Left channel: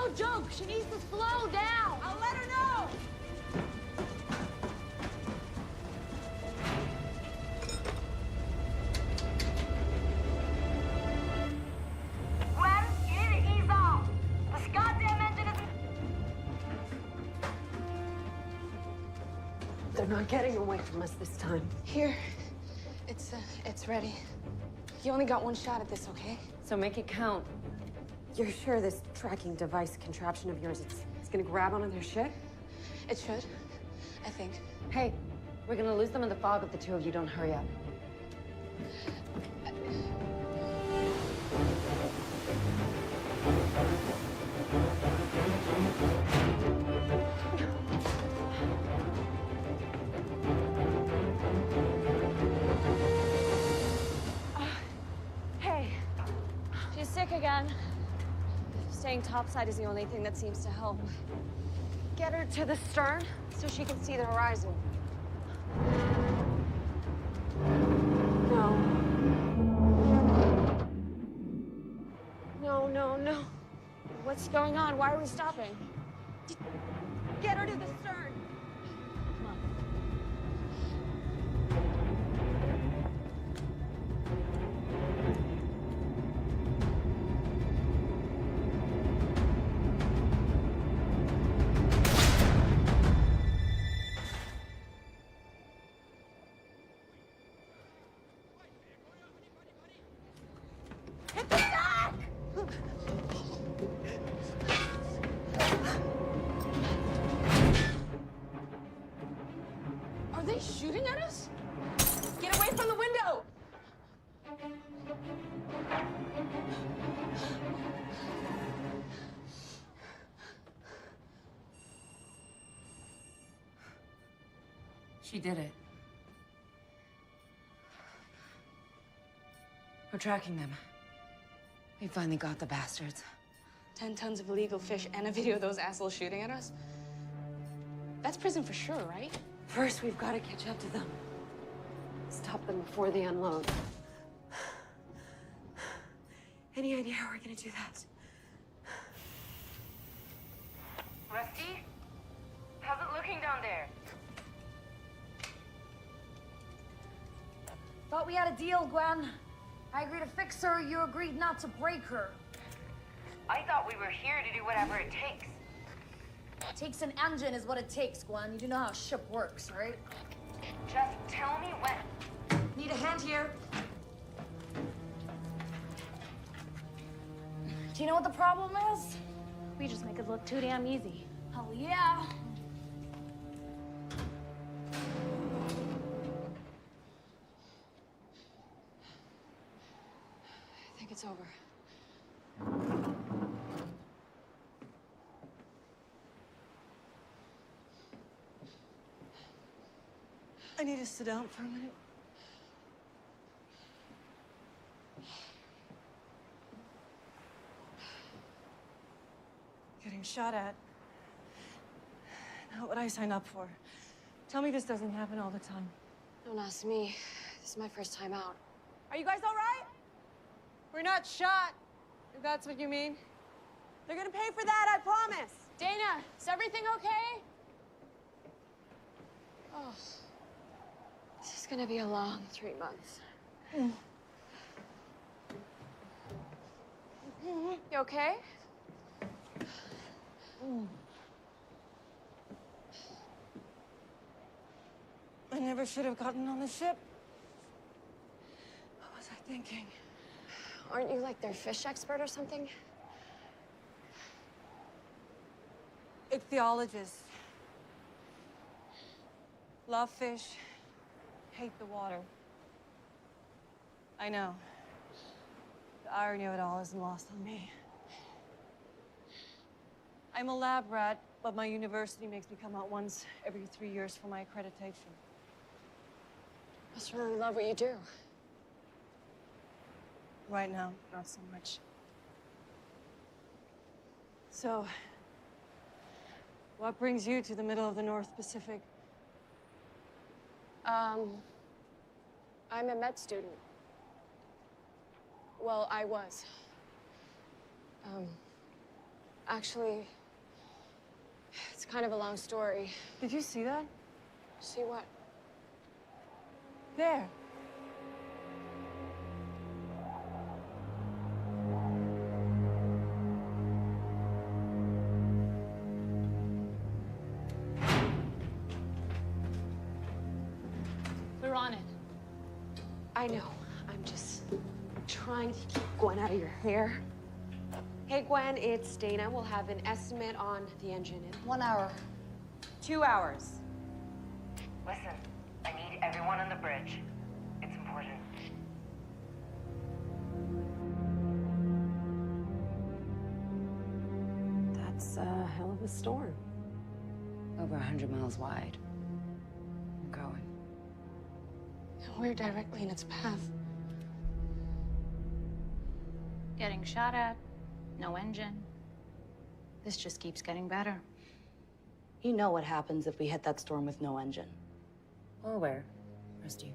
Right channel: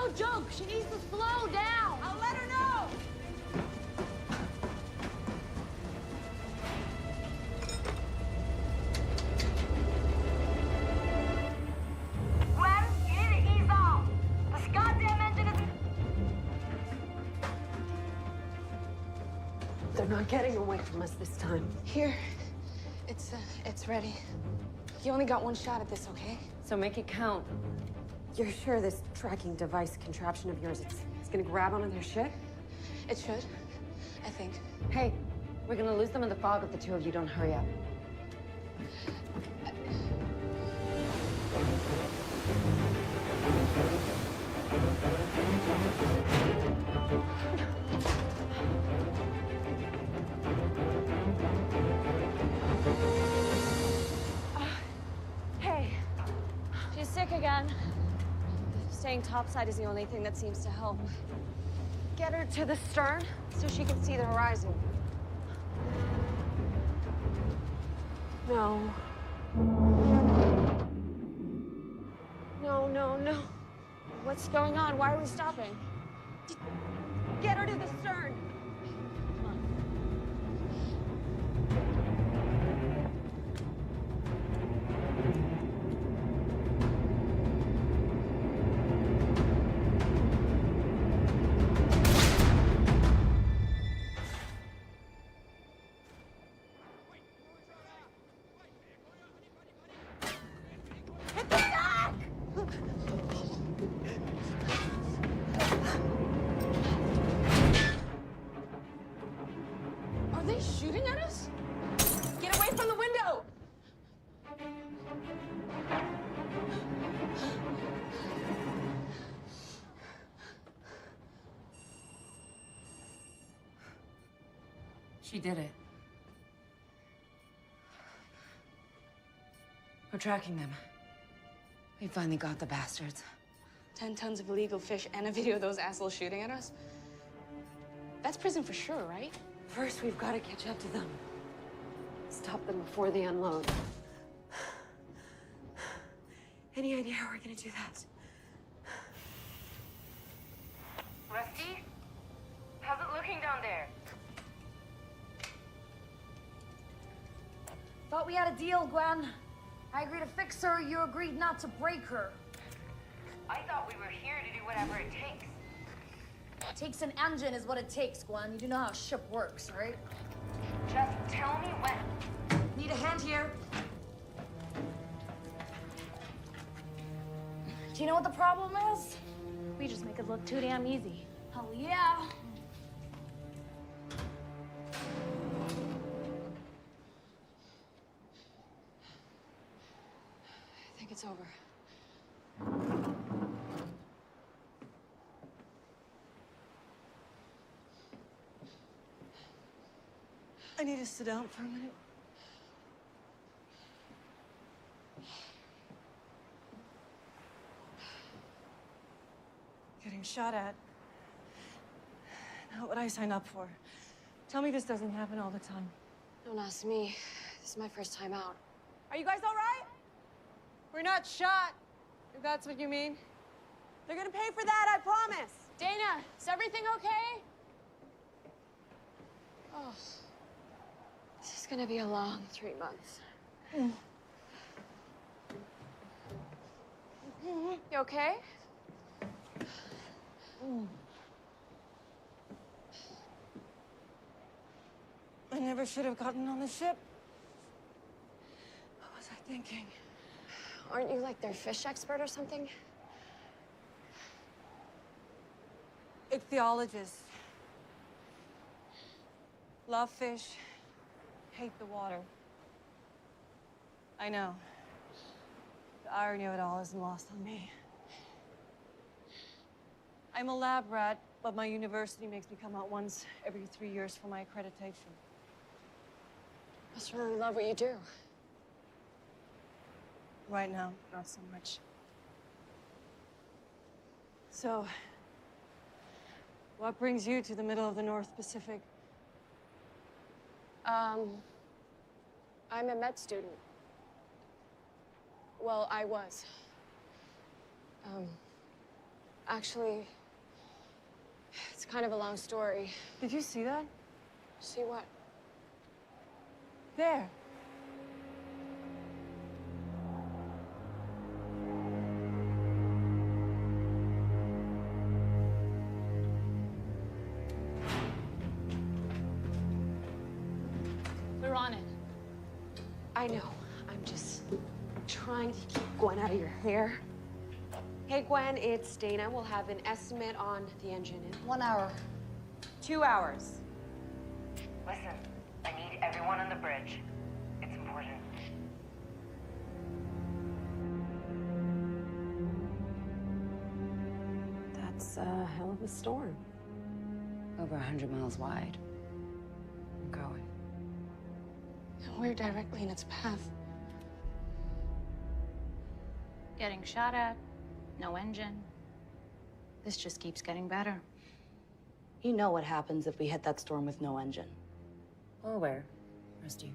no joke. She needs to slow down. I'll let her know. Gwen, you need to ease off. This goddamn engine isn't... They're not getting away from us this time. Here. It's ready. You only got one shot at this, okay? So make it count. You're sure this tracking device contraption of yours, it's gonna grab onto their shit? It should, I think. Hey, we're gonna lose them in the fog if the two of you don't hurry up. Hey, she's sick again. Staying topside is the only thing that seems to help. Get her to the stern so she can see the horizon. No. No. What's going on? Why are we stopping? Get her to the stern. Come on. Are they shooting at us? Get away from the window! She did it. We're tracking them. We finally got the bastards. 10 tons of illegal fish and a video of those assholes shooting at us? That's prison for sure, right? First, we've got to catch up to them. Stop them before they unload. Any idea how we're gonna do that? Rusty? How's it looking down there? Thought we had a deal, Gwen. I agreed to fix her, you agreed not to break her. I thought we were here to do whatever it takes. It takes an engine is what it takes, Gwen. You do know how a ship works, right? Just tell me when. Need a hand here. Do you know what the problem is? We just make it look too damn easy. Hell yeah. I think it's over. I need to sit down for a minute. Getting shot at. Not what I signed up for. Tell me this doesn't happen all the time. Don't ask me. This is my first time out. Are you guys all right? We're not shot, if that's what you mean. They're gonna pay for that, I promise. Dana, is everything okay? Oh, this is gonna be a long 3 months. You okay? I never should have gotten on the ship. What was I thinking? Aren't you like their fish expert or something? Ichthyologist. Love fish, hate the water. I know. The irony of it all isn't lost on me. I'm a lab rat, but my university makes me come out once every 3 years for my accreditation. Must really love what you do. Right now, not so much. So, what brings you to the middle of the North Pacific? I'm a med student. Well, I was. Actually, it's kind of a long story. Did you see that? See what? There. We're on it. I know. I'm just trying to keep Gwen out of your hair. Hey, Gwen, it's Dana. We'll have an estimate on the engine in 1 hour. 2 hours. Listen, I need everyone on the bridge. It's important. That's a hell of a storm. Over 100 miles wide. I'm going. And we're directly in its path. Getting shot at, no engine. This just keeps getting better. You know what happens if we hit that storm with no engine. Well aware. Rest you.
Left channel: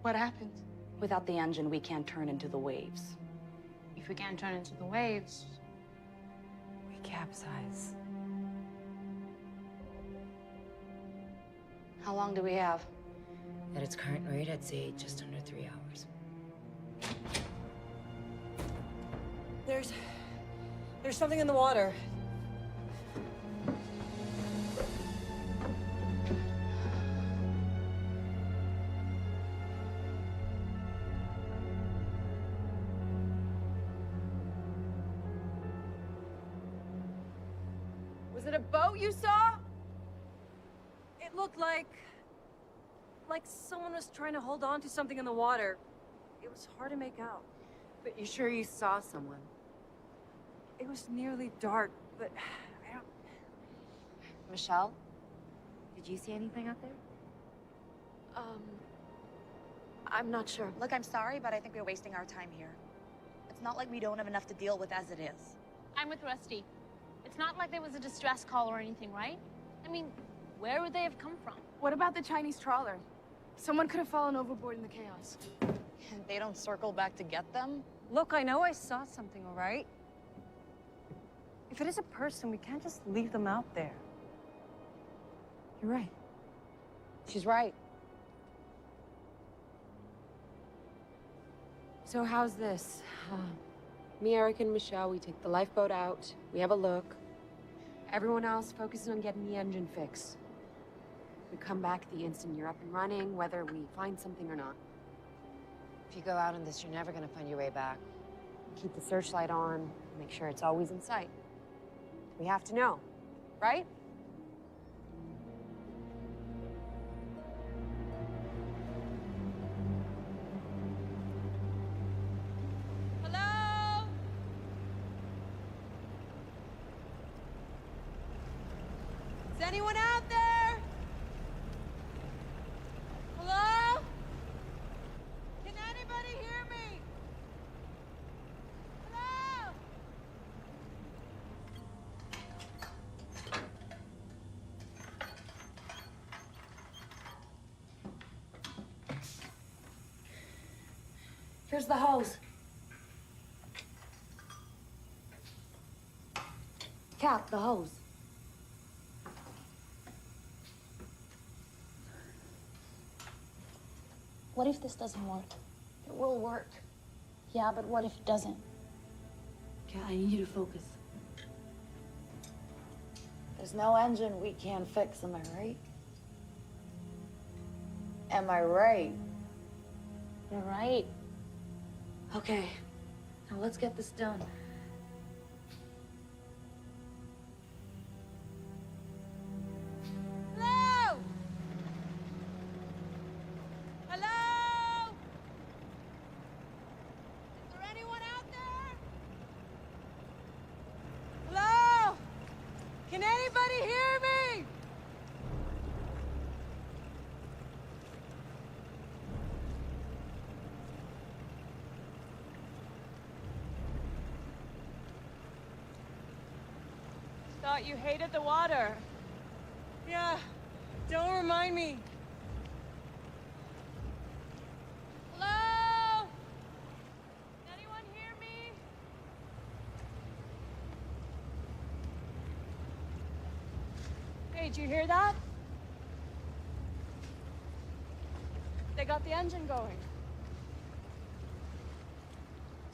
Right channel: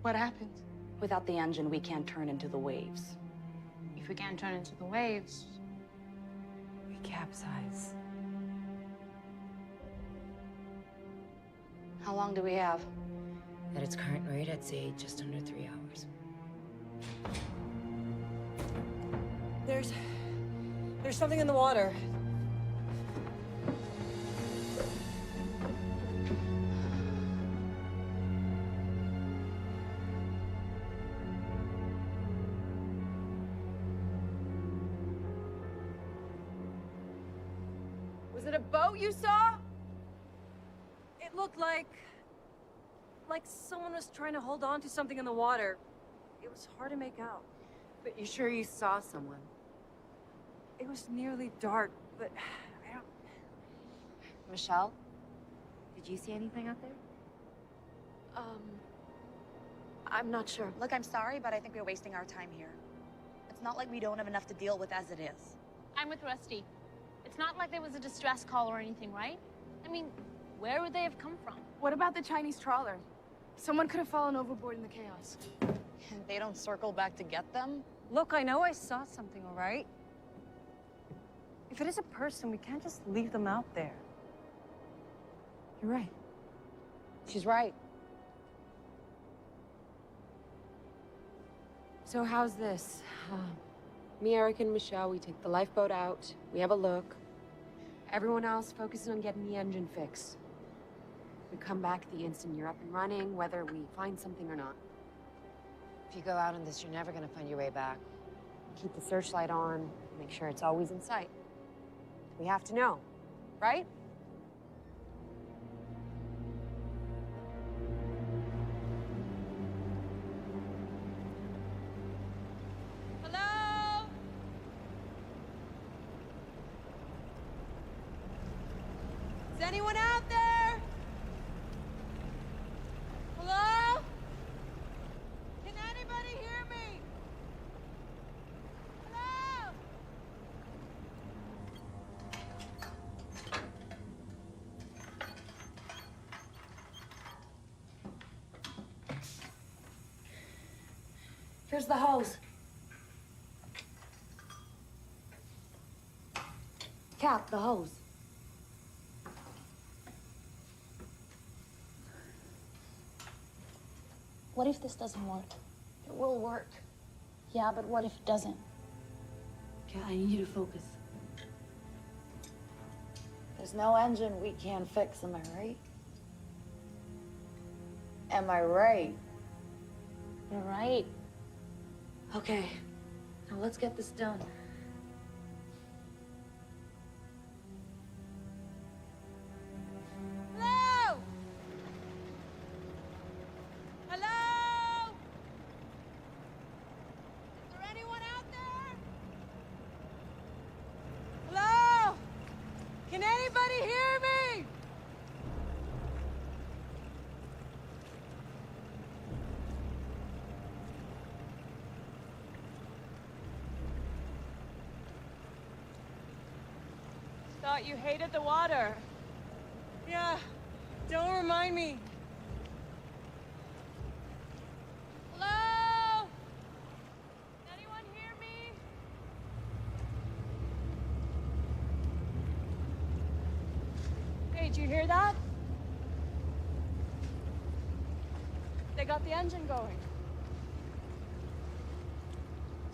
What happens? Without the engine, we can't turn into the waves. If we can't turn into the waves, We capsize. How long do we have? At its current rate, I'd say just under 3 hours. There's something in the water. Was it a boat you saw? It looked like someone was trying to hold on to something in the water. It was hard to make out. But you sure you saw someone? It was nearly dark, but I don't... Michelle? Did you see anything out there? I'm not sure. Look, I'm sorry, but I think we're wasting our time here. It's not like we don't have enough to deal with as it is. I'm with Rusty. It's not like there was a distress call or anything, right? I mean, where would they have come from? What about the Chinese trawler? Someone could have fallen overboard in the chaos. And they don't circle back to get them? Look, I know I saw something, all right? If it is a person, we can't just leave them out there. You're right. She's right. So how's this? Me, Eric, and Michelle, we take the lifeboat out. We have a look. Everyone else focuses on getting the engine fixed. We come back the instant you're up and running, whether we find something or not. If you go out on this, you're never gonna find your way back. Keep the searchlight on, make sure it's always in sight. We have to know, right? Hello? Is anyone out there? Hello? Can anybody hear me? Hello? Here's the hose. Cap, the hose. What if this doesn't work? It will work. Yeah, but what if it doesn't? Kat, I need you to focus. There's no engine we can't fix, am I right? Am I right? You're right. Okay, now let's get this done. Hello? Hello? Is there anyone out there? Hello? Can anybody hear me? Thought you hated the water. Yeah, don't remind me. Hello? Can anyone hear me? Did you hear that? They got the engine going.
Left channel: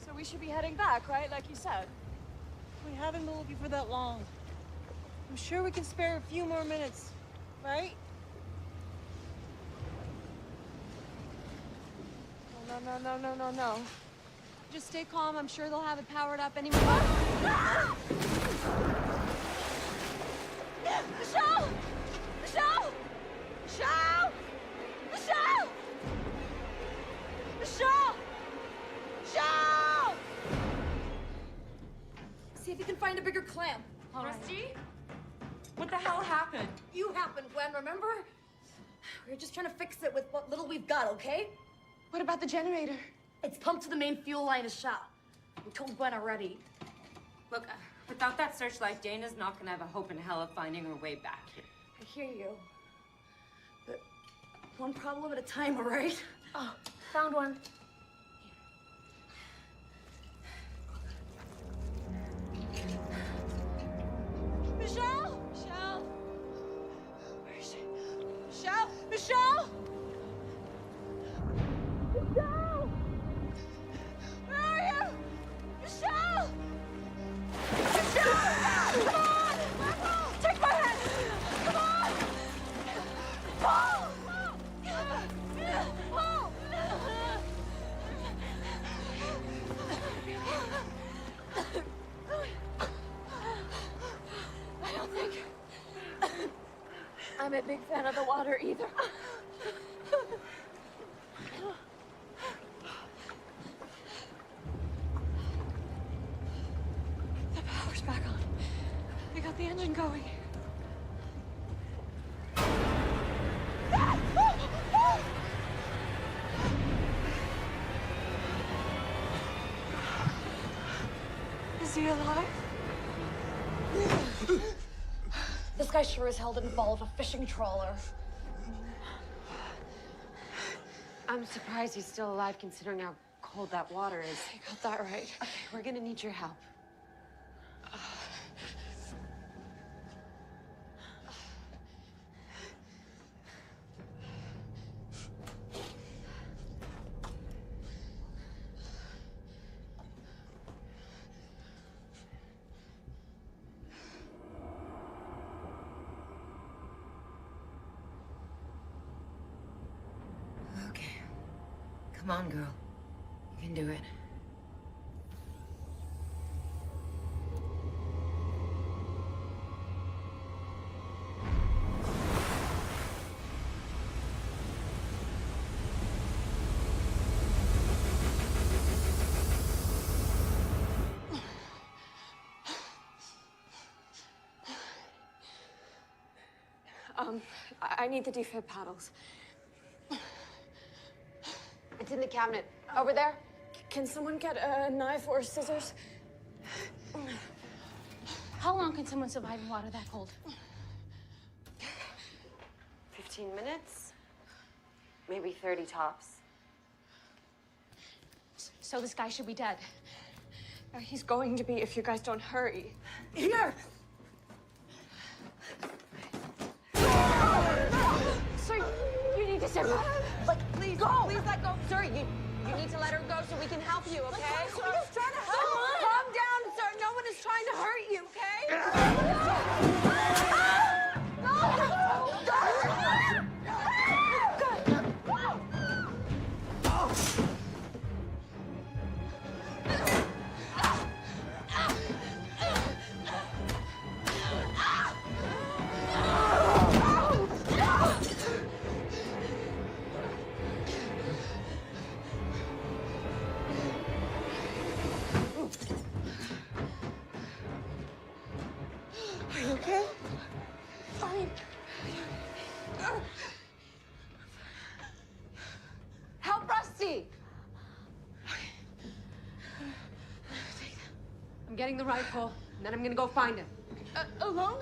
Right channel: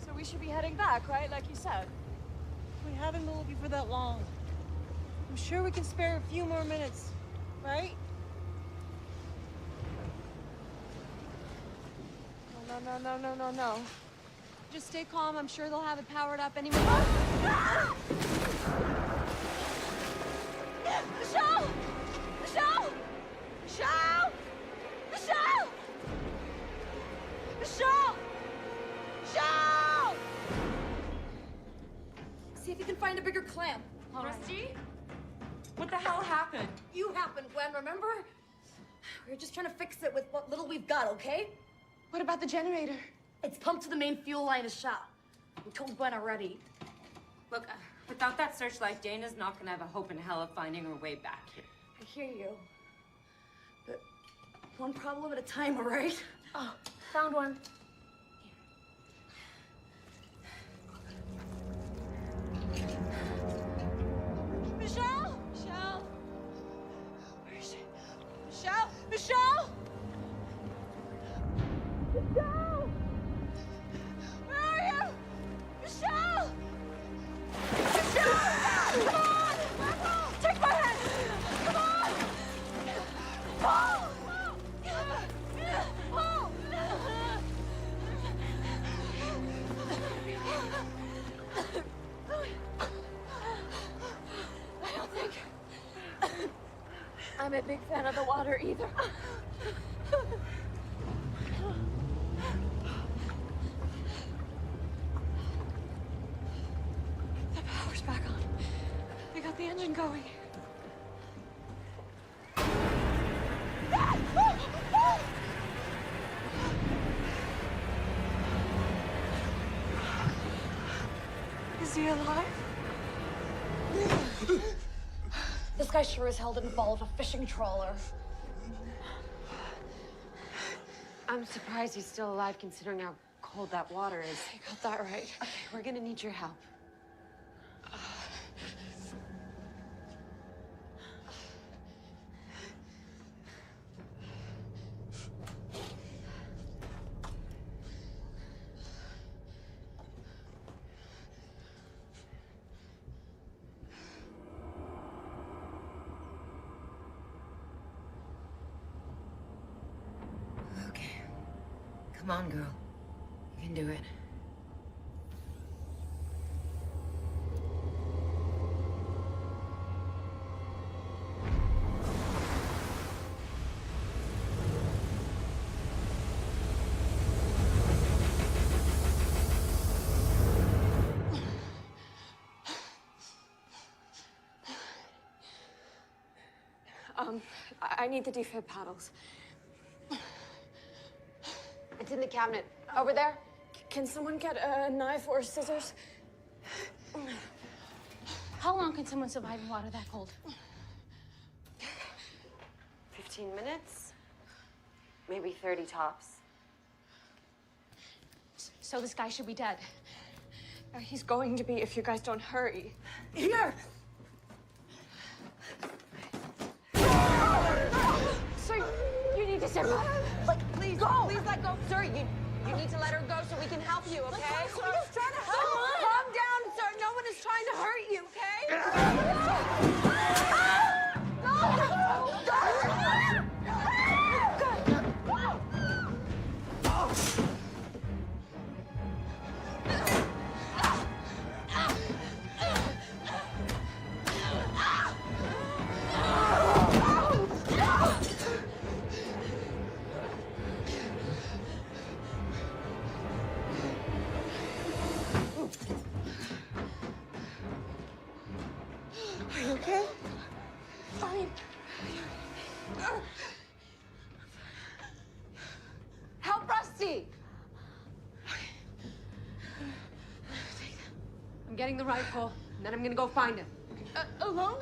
So we should be heading back, right? Like you said. We haven't been looking for that long. I'm sure we can spare a few more minutes, right? No. Just stay calm. I'm sure they'll have it powered up any minute. Michelle! Michelle! Michelle! Michelle! Michelle! Michelle! See if you can find a bigger clamp. Rusty? What the hell happened? You happened, Gwen, remember? We're just trying to fix it with what little we've got, okay? What about the generator? It's pumped to the main fuel line of shop. We told Gwen already. Look, without that searchlight, Dana's not gonna have a hope in hell of finding her way back here. I hear you. But one problem at a time, all right? Oh, found one. Michelle! Michelle! Where is she? Michelle! Michelle! Michelle! Where are you? Michelle! Michelle! Come on! Take my hand! Come on! Paul! Paul! I don't think I'm a big fan of the water either. The power's back on. They got the engine going. Is he alive? This guy sure as hell didn't fall off a fishing trawler. I'm surprised he's still alive considering how cold that water is. You got that right. Okay, we're gonna need your help. Okay. Come on, girl. You can do it. I need the defib paddles. It's in the cabinet. Over there? Can someone get a knife or scissors? How long can someone survive in water that cold? 15 minutes? Maybe 30 tops. So this guy should be dead. He's going to be if you guys don't hurry. Here! Sir, you need to step back. Please, please let go. Sir, you need to let her go so we can help you, okay? We're just trying to help. Calm down, sir. No one is trying to hurt you, okay? Are you okay? Fine. Help Rusty! I'm getting the rifle, and then I'm gonna go find him. Alone?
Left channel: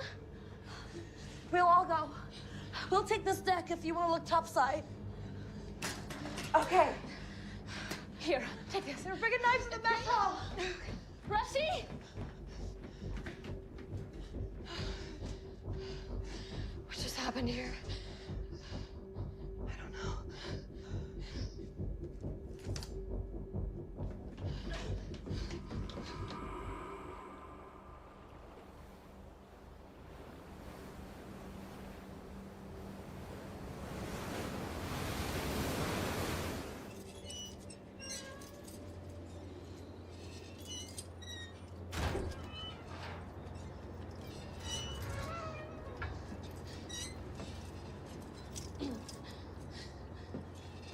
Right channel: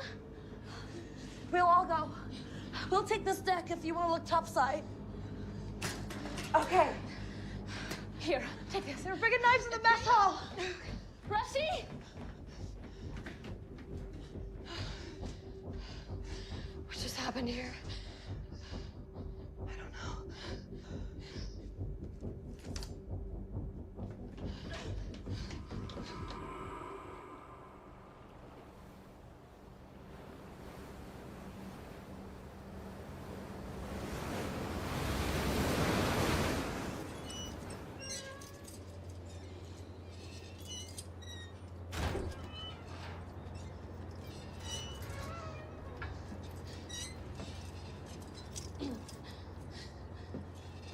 We'll all go. We'll take this deck if you want to look topside. Okay. Here, take this. They're bringing knives in the mess hall. Rusty! We're happened here? I don't know.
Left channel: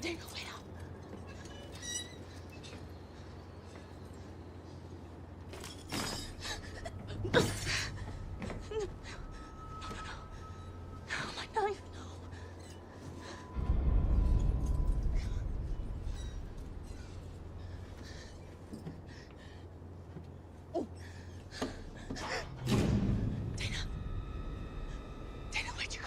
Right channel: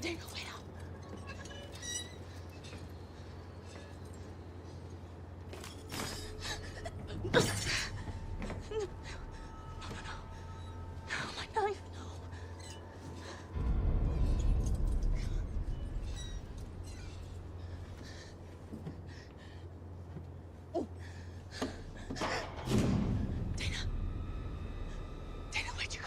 Daniel, wait up. No, my knife, no. Oh. Dana, where'd you go?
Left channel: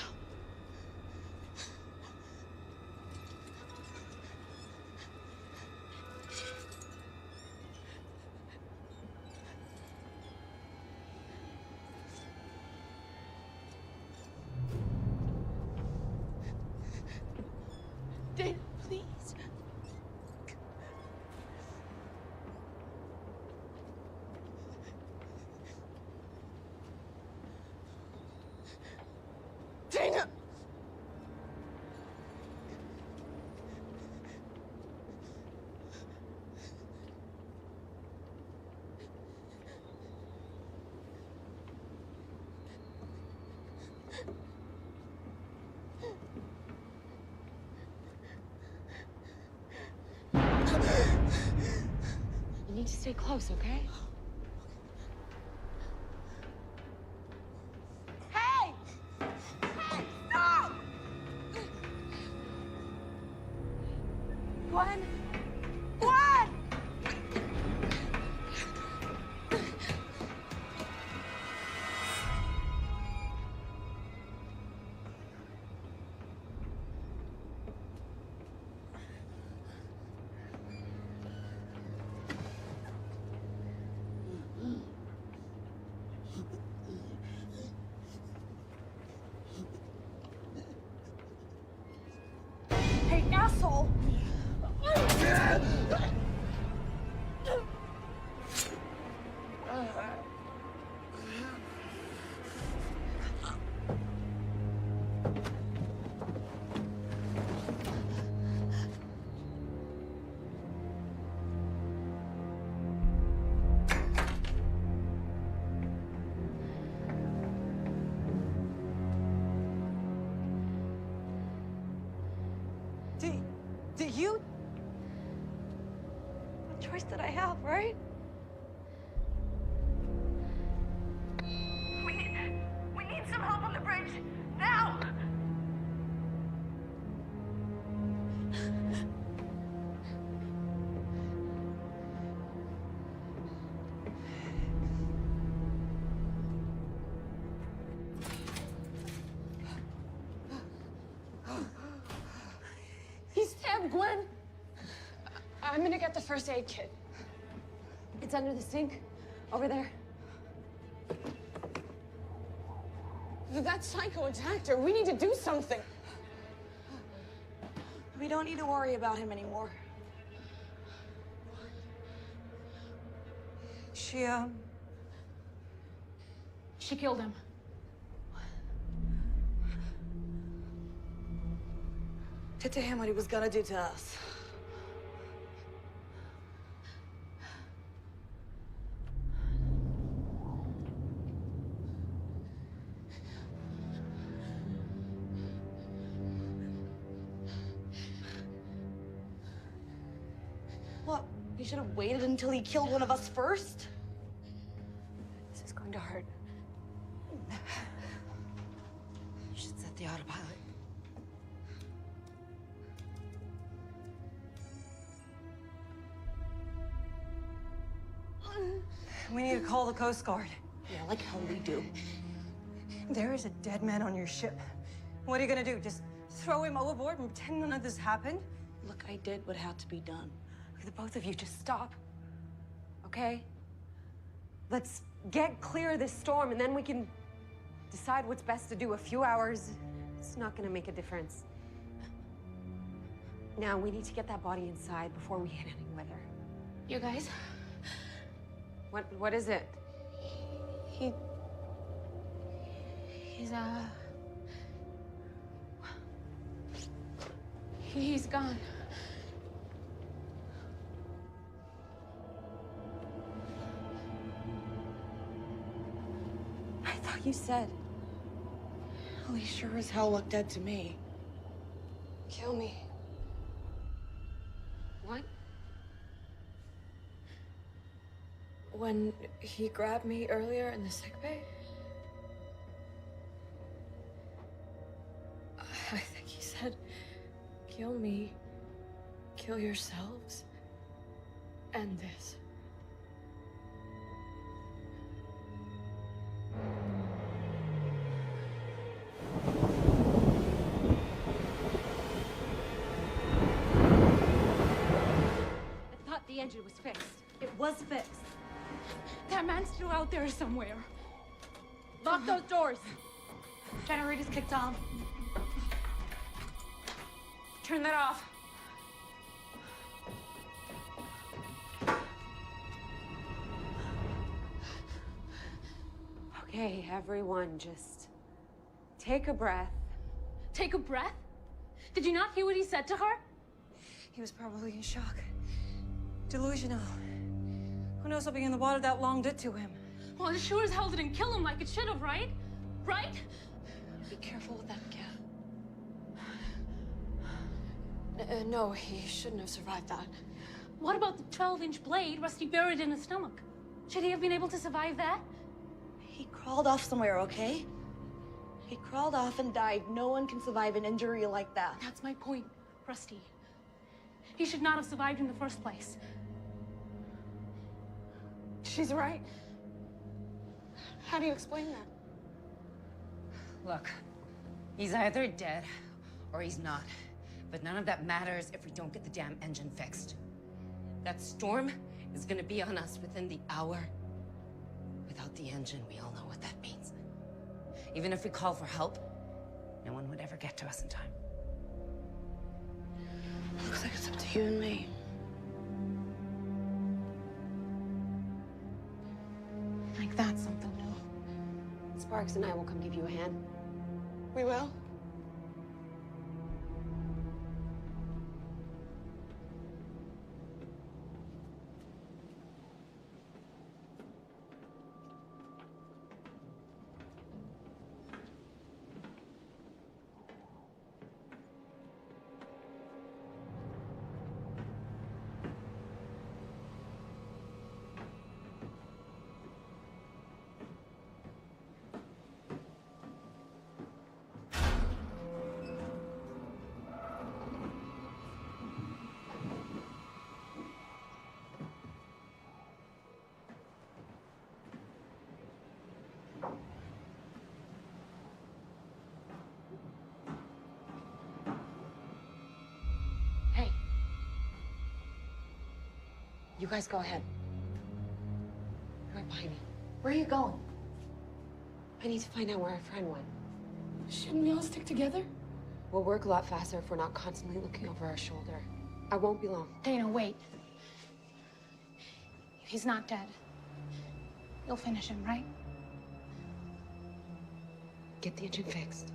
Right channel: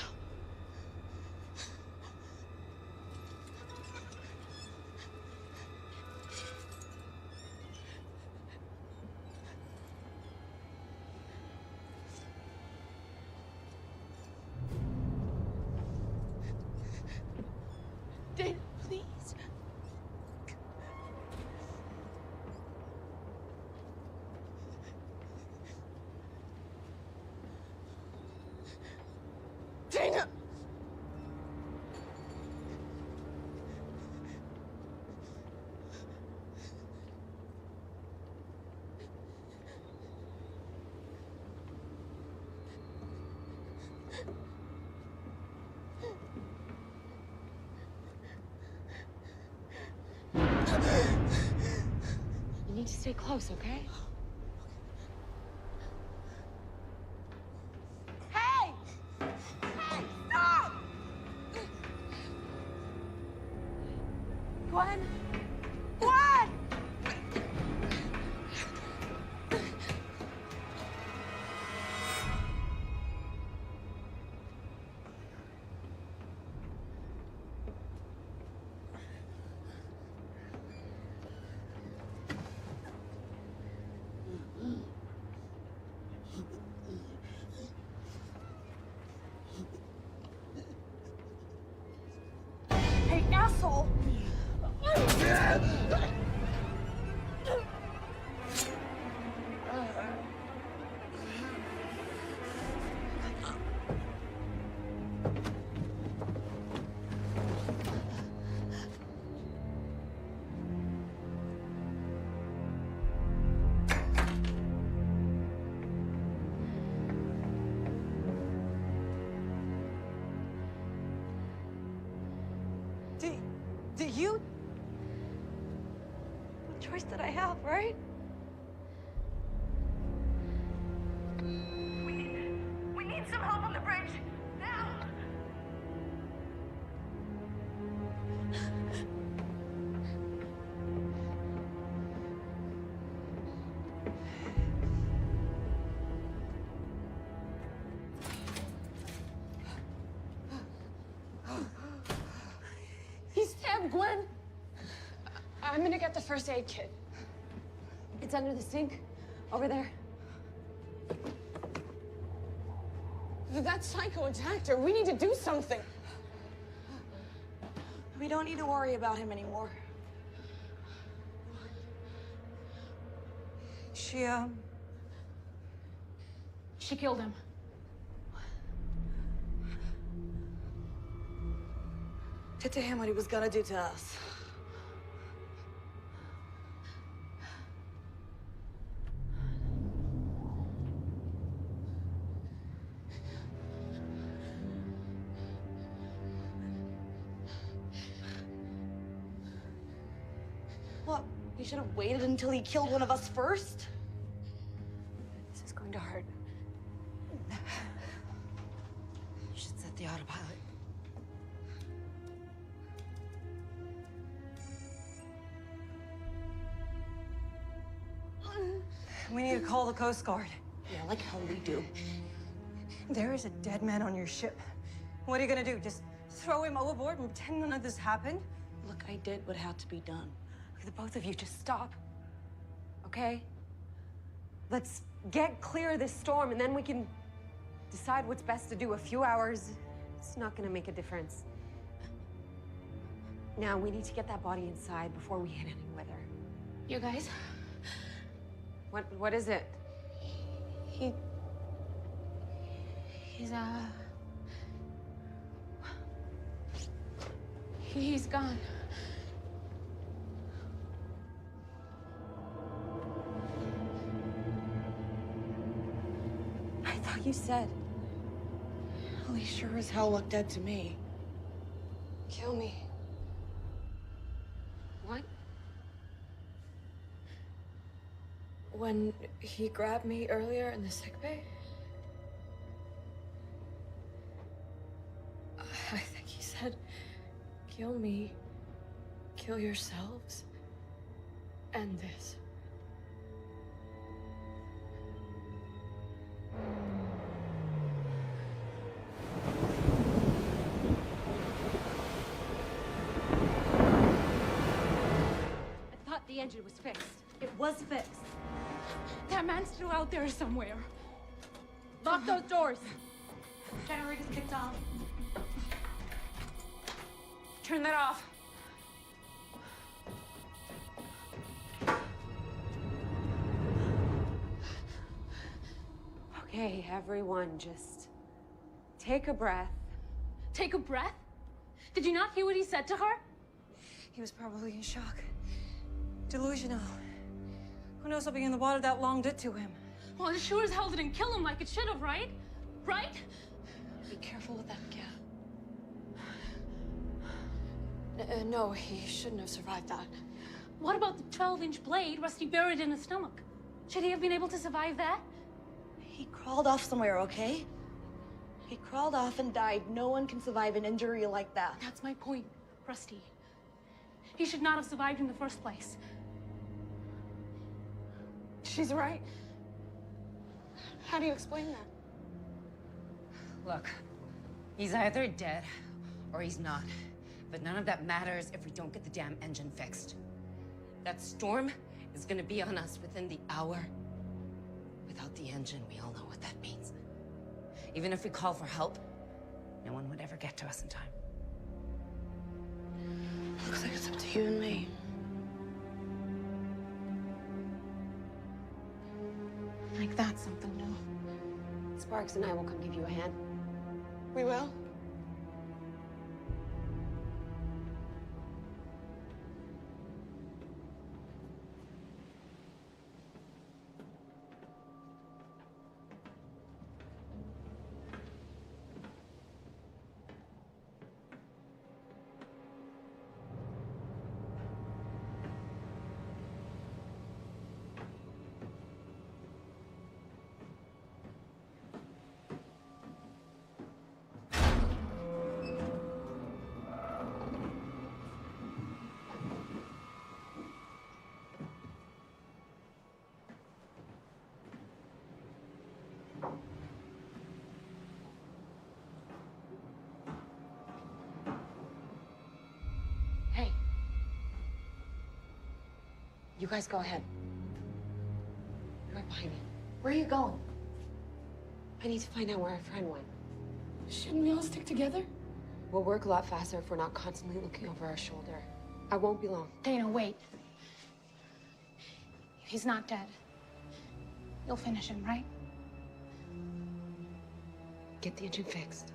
Dana, please. Dana! You need to stay close, okay? Hey! Hey, stop! Gwen! Gwen! Hey, asshole! Do you? What choice did I have, right? We need some help on the bridge. Now! He stabbed Gwen. I'm gonna get the first aid kit. It's under the sink, over there. That psycho attacked her. We need to do something. We don't need to worry about him anymore. She killed him. did to him what he was gonna do to us. What? He should have waited until he killed one of us first? This is going to hurt. You should set the autopilot. We need to call the Coast Guard. Yeah, like hell we do. There is a dead man on your ship. What are you gonna do? Just throw him overboard and pretend none of this happened? Look, I did what had to be done. The both of you just stop, okay? Let's get clear of this storm and then we can decide what's best to do. A few hours It's not gonna make a difference. Now, we need to get that body inside before we hit any weather. You guys? What is it? He's gone. I thought you said. Well, he sure as hell looked dead to me. Kill me. What? When he grabbed me earlier in the sickbay, I think he said, kill me, kill yourselves, end this. I thought the engine was fixed. It was fixed. That man's still out there somewhere. Lock those doors. Generator's kicked on. Turn that off. Okay, everyone, just take a breath. Take a breath? Did you not hear what he said to her? He was probably in shock. Delusional. Who knows what being in the water that long did to him? Well, it sure as hell didn't kill him like it should have, right? Right? Be careful with that cat. No, he shouldn't have survived that. What about the 12-inch blade Rusty buried in his stomach? Should he have been able to survive that? He crawled off somewhere, okay? He crawled off and died. No one can survive an injury like that. That's my point, Rusty. He should not have survived in the first place. She's right. How do you explain that? Look, he's either dead or he's not. But none of that matters if we don't get the damn engine fixed. That storm is gonna be on us within the hour. Without the engine, we all know what that means. Even if we call for help, no one would ever get to us in time. Looks like it's up to you and me. Like that's something new. Sparks and I will come give you a hand. We will? Hey. You guys go ahead. I'm right behind you. Where are you going? I need to find out where our friend went. Shouldn't we all stick together? We'll work a lot faster if we're not constantly looking over our shoulder. I won't be long. Dana, wait. He's not dead. You'll finish him, right? Get the engine fixed.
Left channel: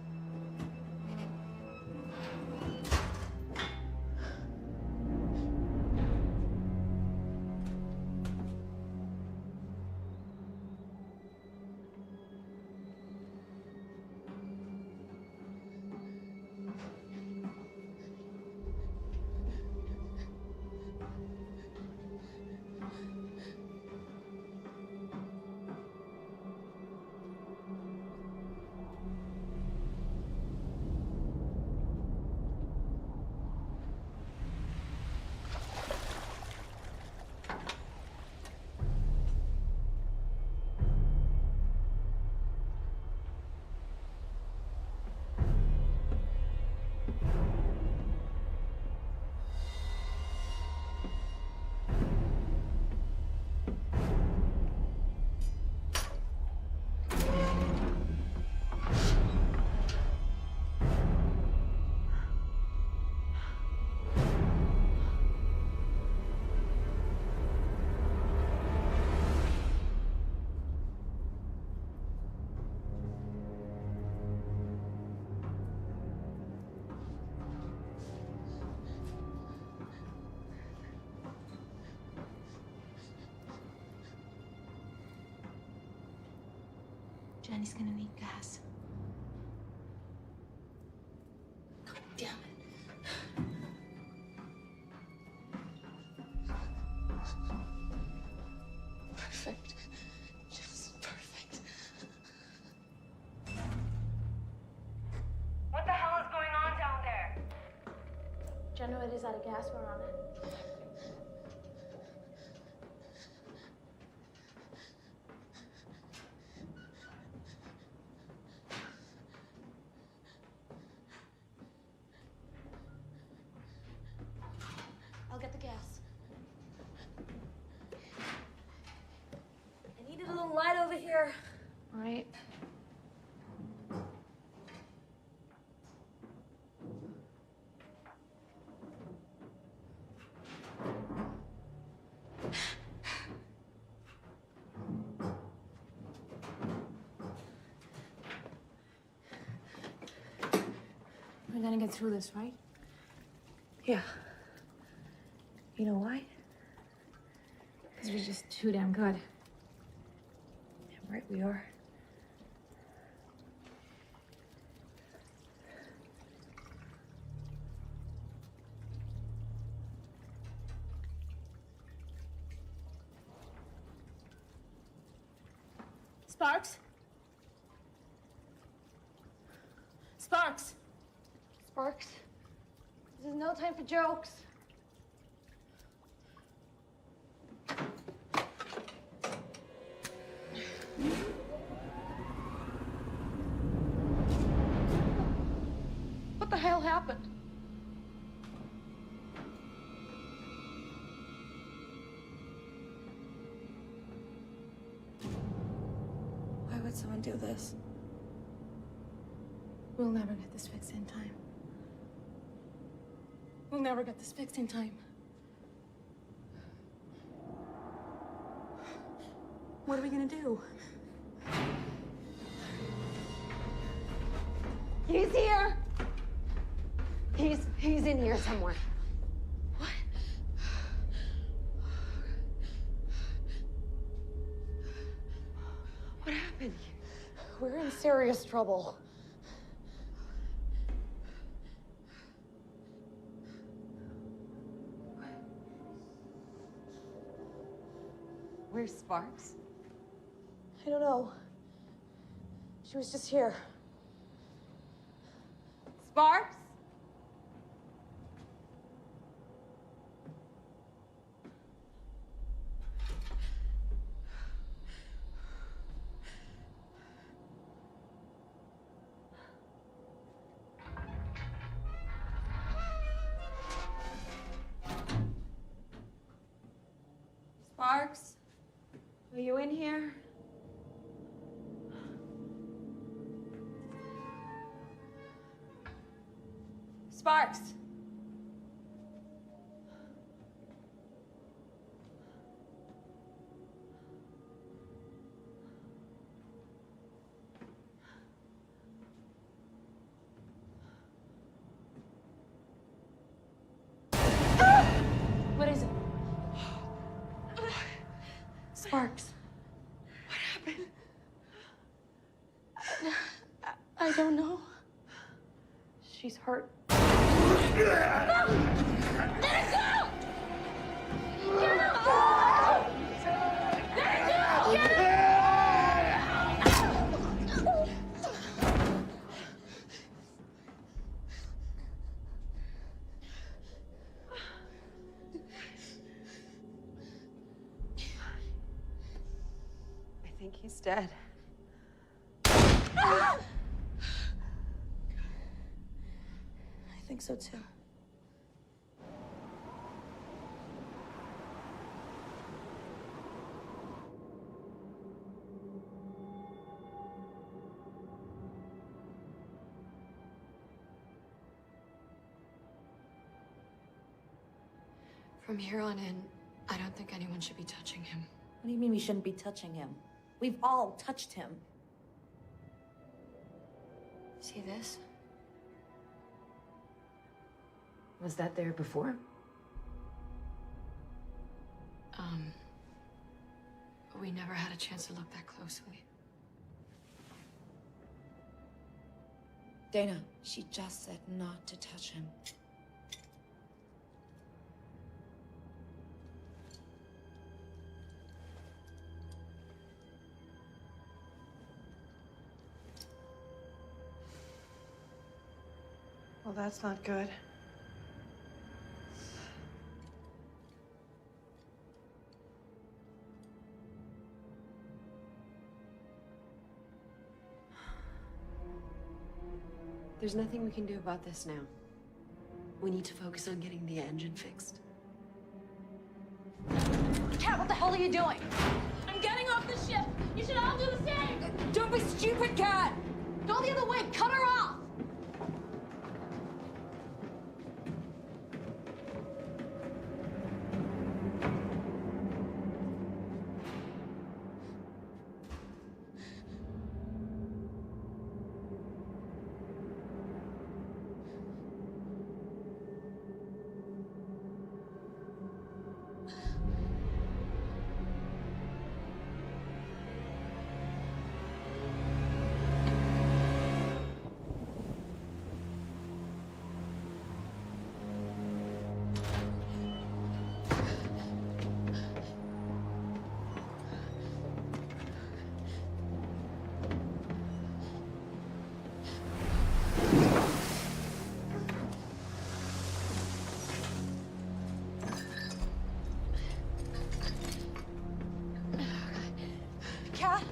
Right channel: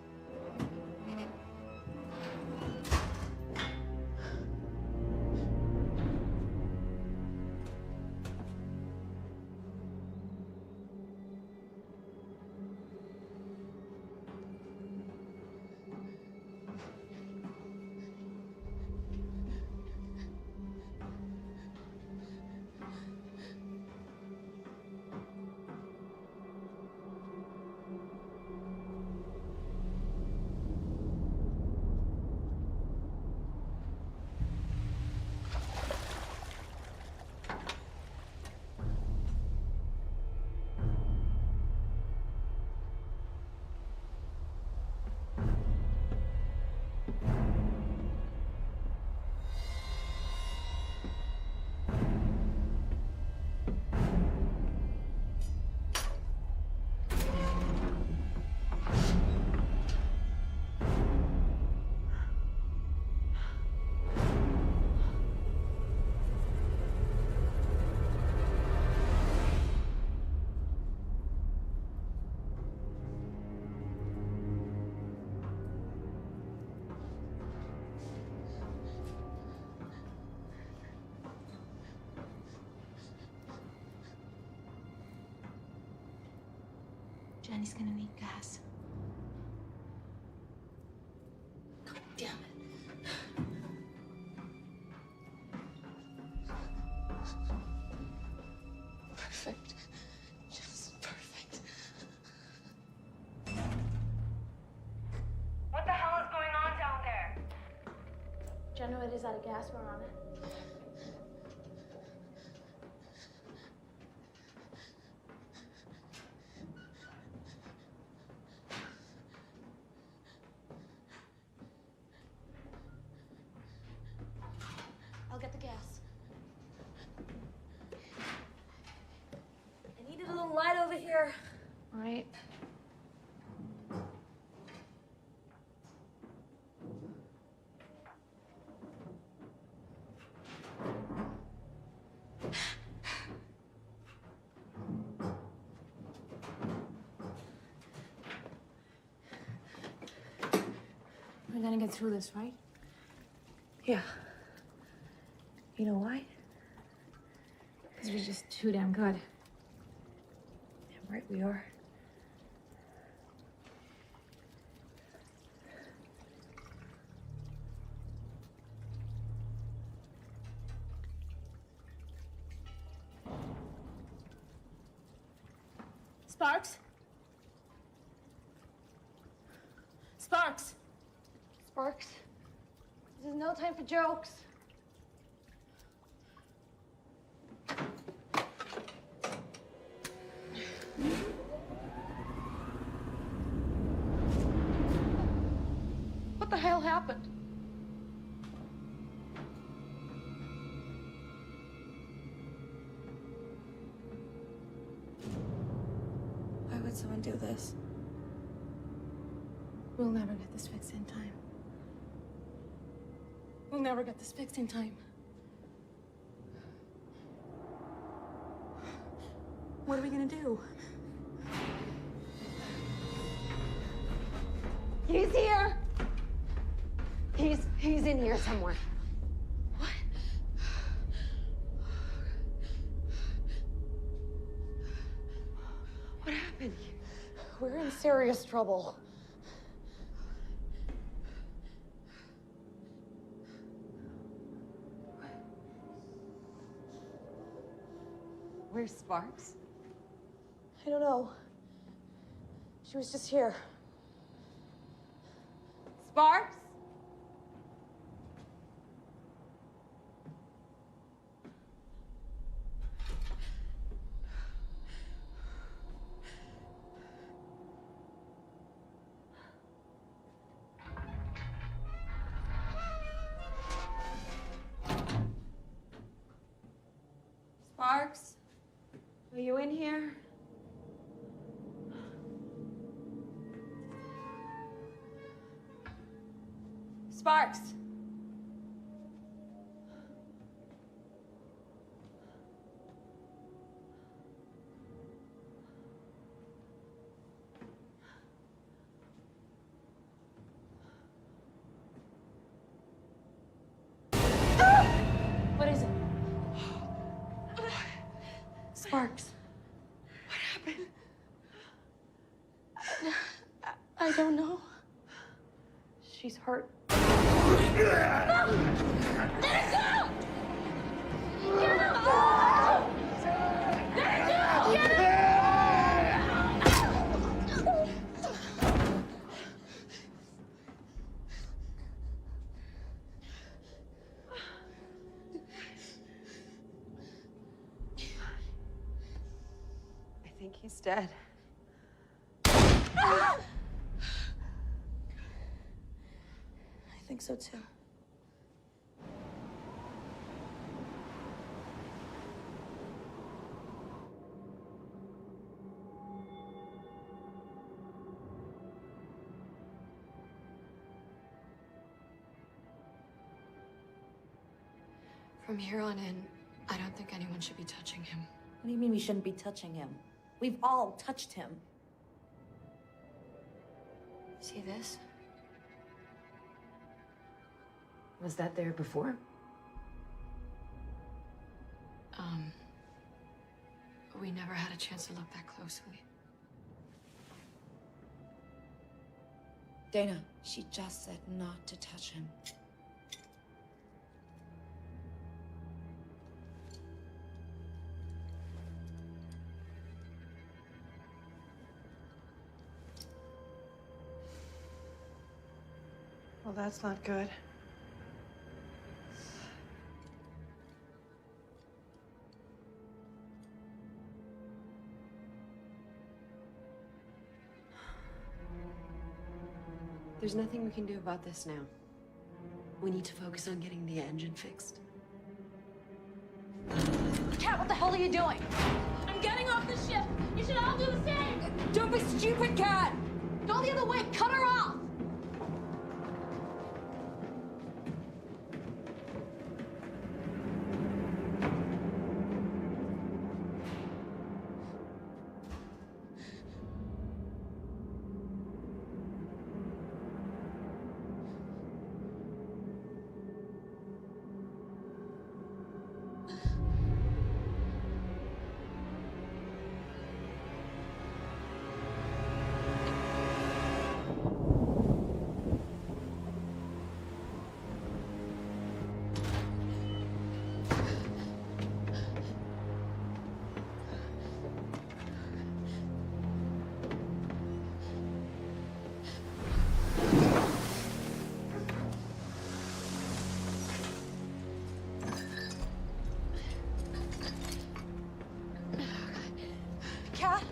Jenny's gonna need gas. God damn it. Perfect. Just perfect. What the hell is going on down there? Generator's out of gas, we're on it. I'll get the gas. I needed a little light over here. All right. We're gonna get through this, right? Yeah. You know why? Because we're just too damn good. Damn right we are. Sparks? Sparks! Sparks, this is no time for jokes. What the hell happened? Why would someone do this? We'll never get this fixed in time. We'll never get this fixed in time. What are we gonna do? He's here! He's in here somewhere. What happened? We're in serious trouble. Where's Sparks? I don't know. She was just here. Sparks? Sparks? Are you in here? Sparks! What is it? Sparks. What happened? I don't know. She's hurt. I think he's dead. I think so too. From here on in, I don't think anyone should be touching him. What do you mean we shouldn't be touching him? We've all touched him. See this? Was that there before? We never had a chance to look that closely. Dana, she just said not to touch him. Well, that's not good. There's nothing we can do about this now. We need to focus on getting the engine fixed. Cat, what the hell are you doing? I'm getting off the ship. You should all do the same. Don't be stupid, Cat! Go the other way! Cut her off! Cat,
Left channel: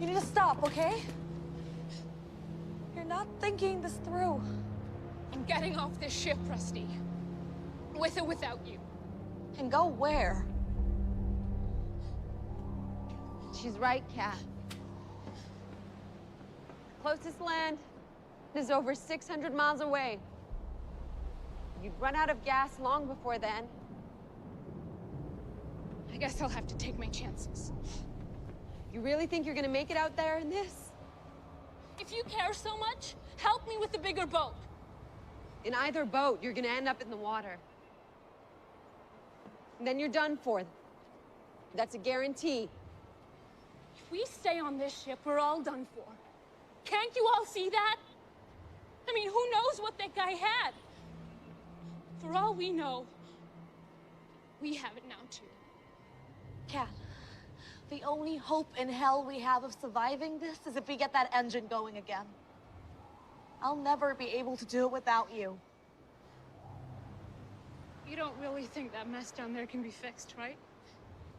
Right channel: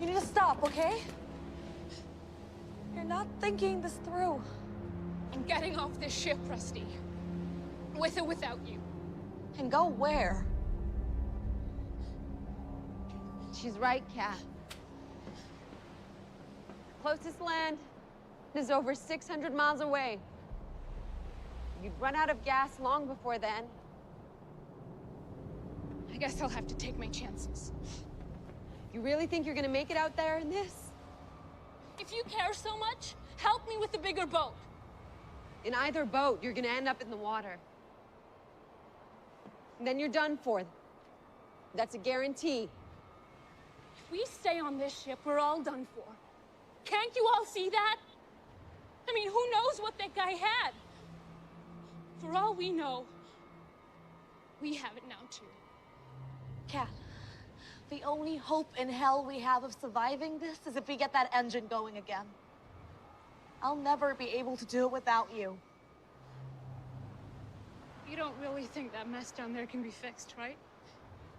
you need to stop, okay? You're not thinking this through. I'm getting off this ship, Rusty. With or without you. And go where? She's right, Kat. Closest land is over 600 miles away. You'd run out of gas long before then. I guess I'll have to take my chances. You really think you're gonna make it out there in this? If you care so much, help me with the bigger boat. In either boat, you're gonna end up in the water. And then you're done for. That's a guarantee. If we stay on this ship, we're all done for. Can't you all see that? I mean, who knows what that guy had? For all we know, we have it now too. Cat, the only hope in hell we have of surviving this is if we get that engine going again. I'll never be able to do it without you. You don't really think that mess down there can be fixed, right?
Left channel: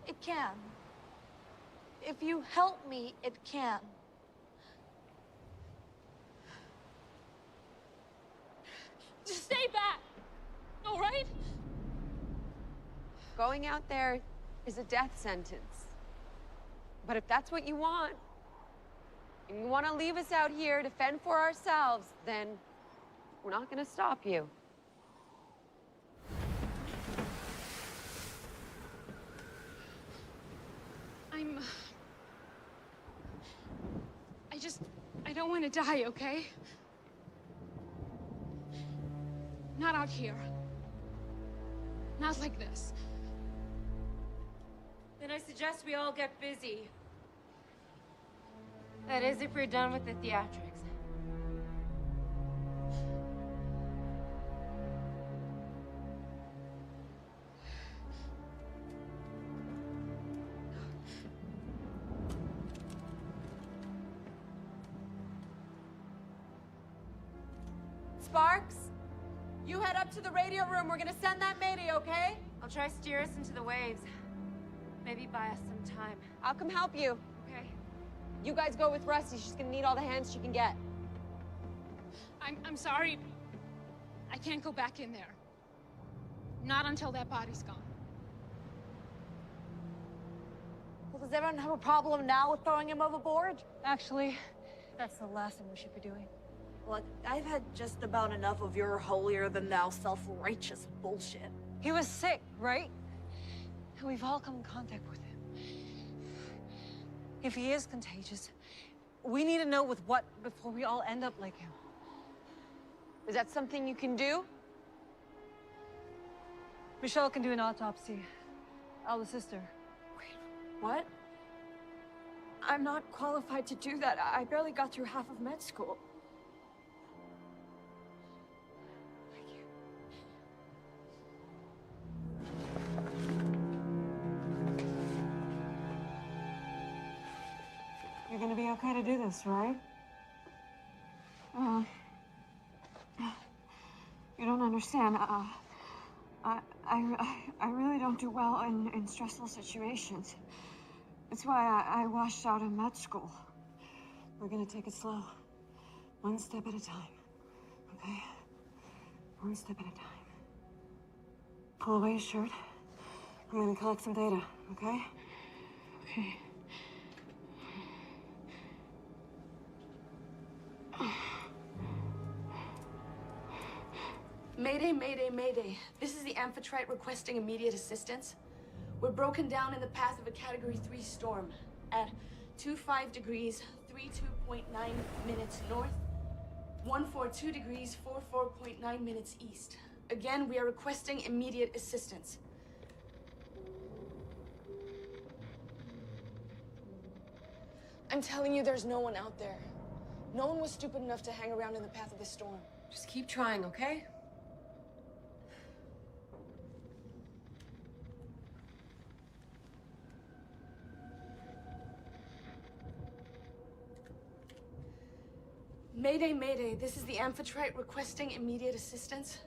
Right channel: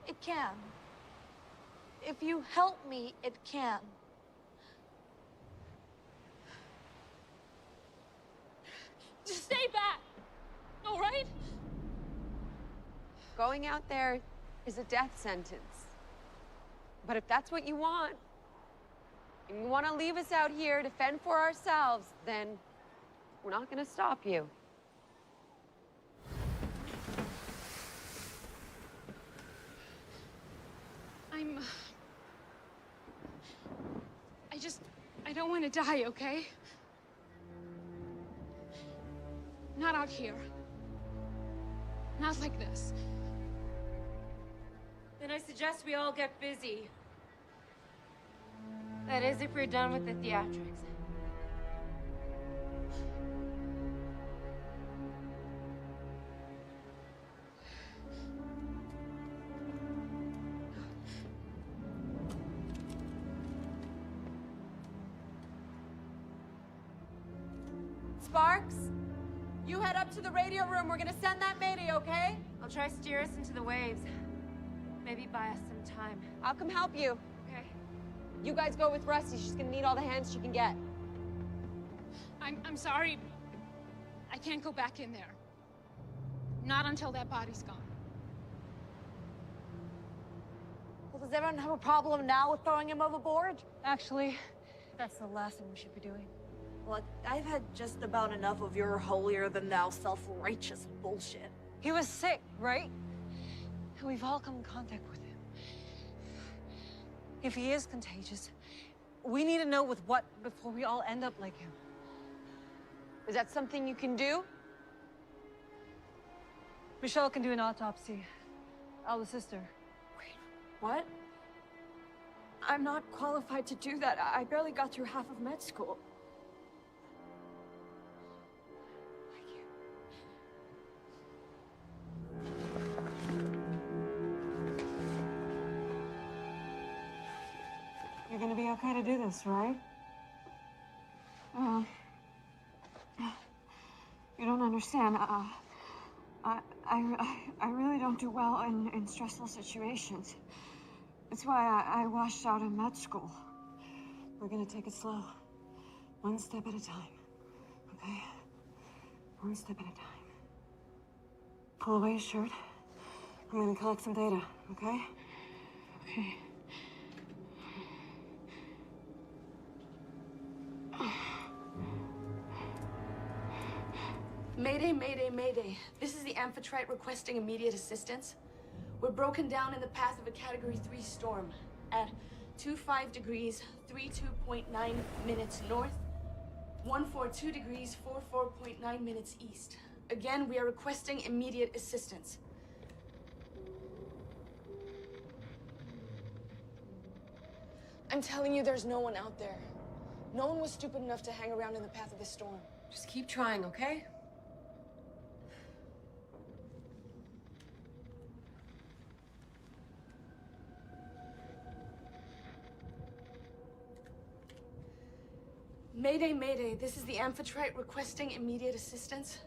It can. If you help me, it can. Just stay back, all right? Going out there is a death sentence. But if that's what you want, and you want to leave us out here to fend for ourselves, then we're not going to stop you. I don't want to die, okay? Not out here. Not like this. Then I suggest we all get busy. That is, if we're done with the theatrics. Sparks, you head up to the radio room. We're gonna send that mayday, okay? I'll try steer us into the waves. Maybe buy us some time. I'll come help you. Okay. You guys go with Rusty. She's gonna need all the hands she can get. I'm sorry. I can't go back in there. Not until that body's gone. Well, does everyone have a problem now with throwing him overboard? Actually, that's the last thing we should be doing. Look, I've had just about enough of your holier-than-thou self-righteous bullshit. He was sick, right? And we've all come in contact with him. If he is contagious, we need to know with what before we all end up like him. Is that something you can do? Michelle can do an autopsy. I'll assist her. What? I'm not qualified to do that. I barely got through half of med school. You're gonna be okay to do this, right? You don't understand. I really don't do well in stressful situations. That's why I washed out of med school. We're gonna take it slow. One step at a time, okay? One step at a time. Pull away your shirt. I'm gonna collect some data, okay? Okay. Mayday, mayday, mayday. This is the Amphitrite requesting immediate assistance. We're broken down in the path of a Category 3 storm at 25 degrees, 32.9 minutes north, 142 degrees, 44.9 minutes east. Again, we are requesting immediate assistance. I'm telling you, there's no one out there. No one was stupid enough to hang around in the path of the storm. Just keep trying, okay? Mayday, mayday. This is the Amphitrite requesting immediate assistance.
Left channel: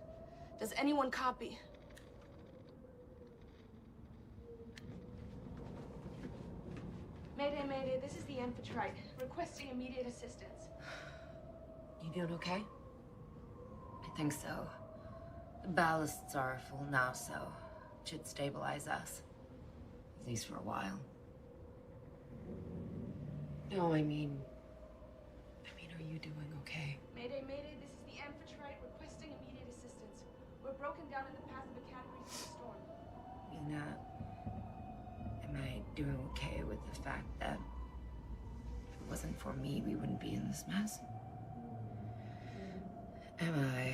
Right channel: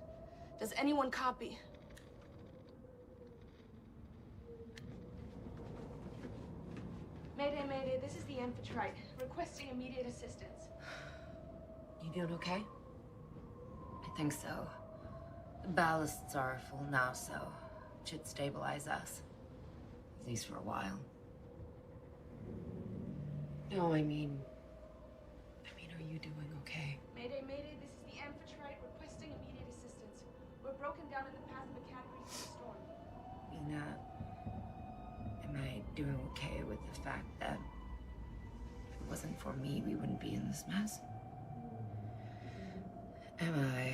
Does anyone copy? Mayday, mayday. This is the Amphitrite requesting immediate assistance. You doing okay? I think so. The ballasts are full now, so it should stabilize us. At least for a while. No, I mean, are you doing okay? Mayday, mayday. This is the Amphitrite requesting immediate assistance. We're broken down in the path of a Category 3 storm. Mina, am I doing okay with the fact that if it wasn't for me, we wouldn't be in this mess? Am I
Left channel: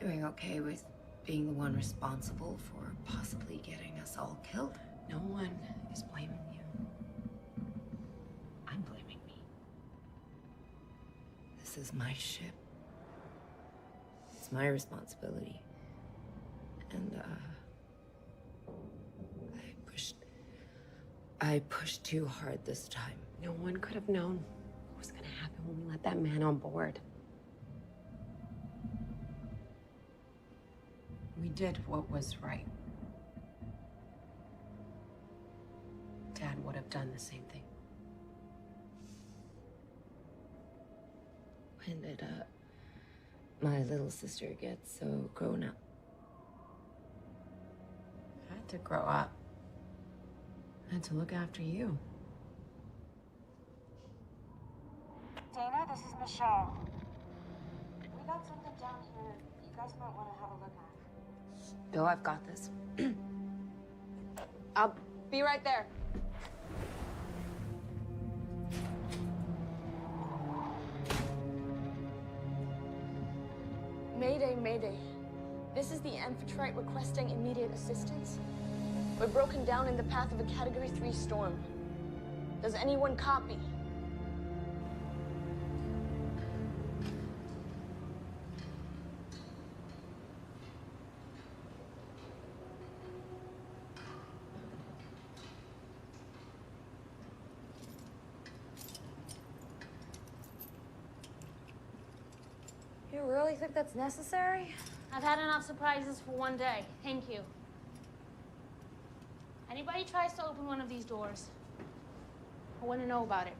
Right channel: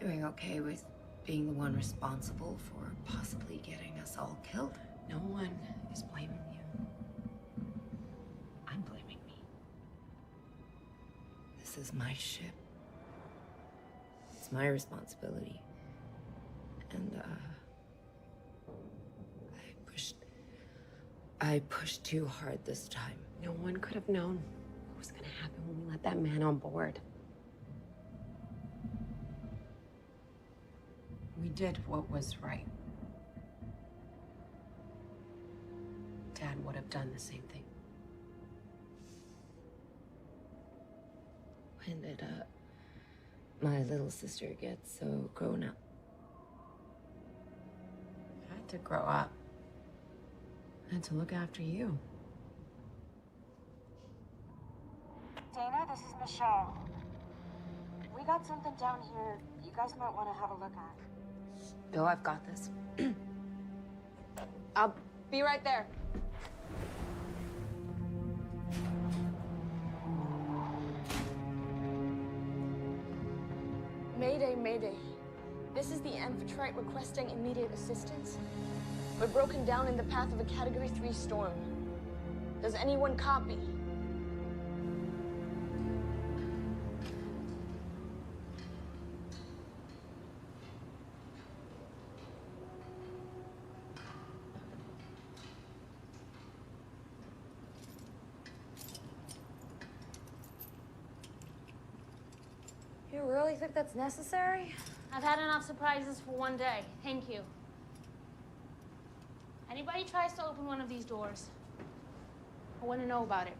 doing okay with being the one responsible for possibly getting us all killed? No one is blaming you. I'm blaming me. This is my ship. It's my responsibility. And, I pushed too hard this time. No one could have known what was gonna happen when we let that man on board. We did what was right. Dad would have done the same thing. When did, my little sister get so grown up? I had to grow up. I had to look after you. Dana, this is Michelle. We got something down here you guys might want to have a look at. Bill, I've got this. I'll be right there. Mayday, mayday. This is the Amphitrite requesting immediate assistance. We're broken down in the path of a Category 3 storm. Does anyone copy? You really think that's necessary? I've had enough surprises for one day. Thank you. Anybody tries to open one of these doors, I want to know about it.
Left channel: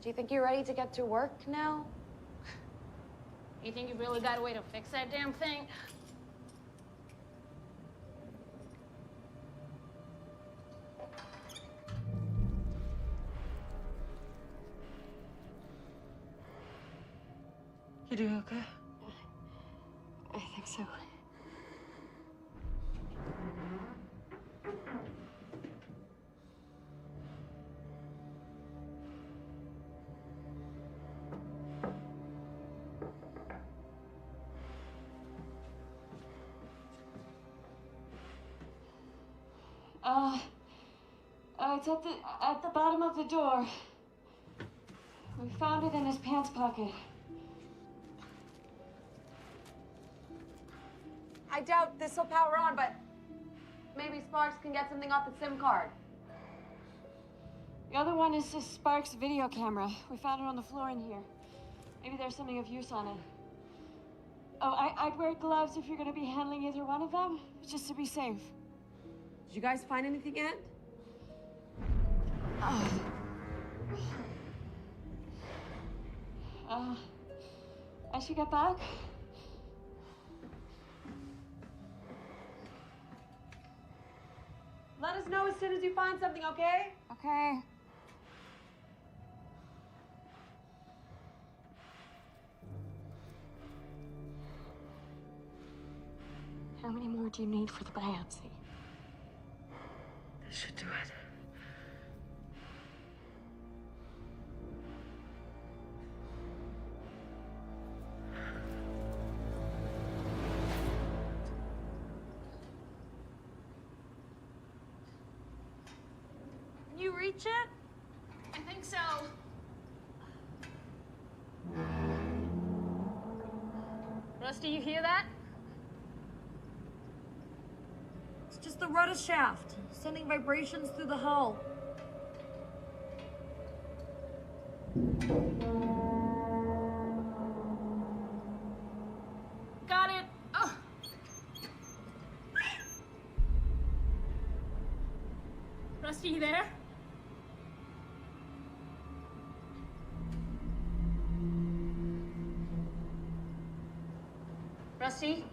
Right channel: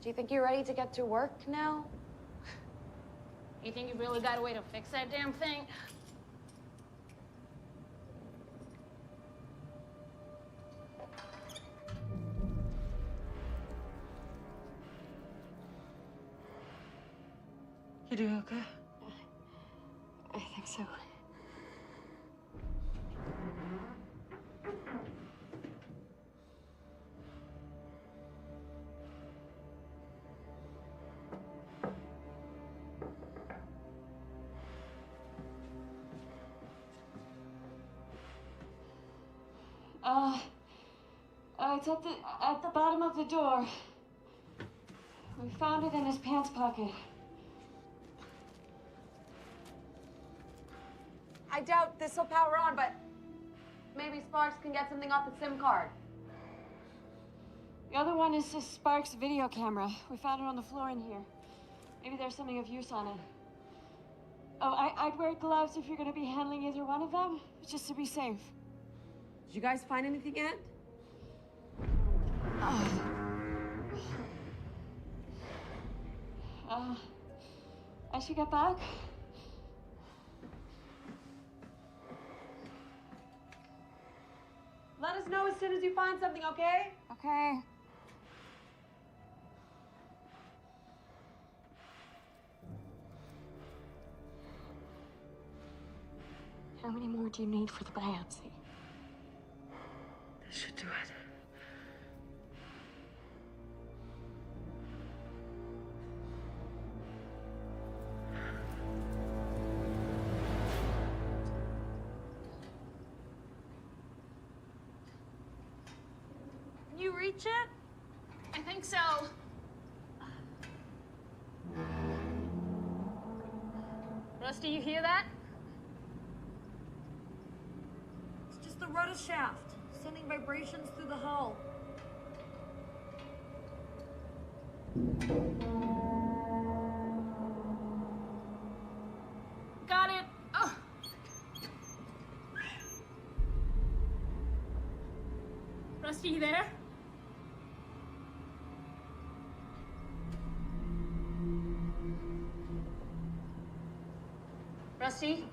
Do you think you're ready to get to work now? You think you've really got a way to fix that damn thing? You doing okay? I think so. It's at the bottom of the door. We found it in his pants pocket. I doubt this will power on, but maybe Sparks can get something off the SIM card. The other one is a Sparks video camera. We found it on the floor in here. Maybe there's something of use on it. Oh, I'd wear gloves if you're gonna be handling either one of them, just to be safe. Did you guys find anything yet? I should get back. Let us know as soon as you find something, okay? Okay. How many more do you need for the biopsy? This should do it. Can you reach it? I think so. Rusty, you hear that? It's just the rudder shaft, sending vibrations through the hull. Got it. Oh. Rusty, you there? Rusty?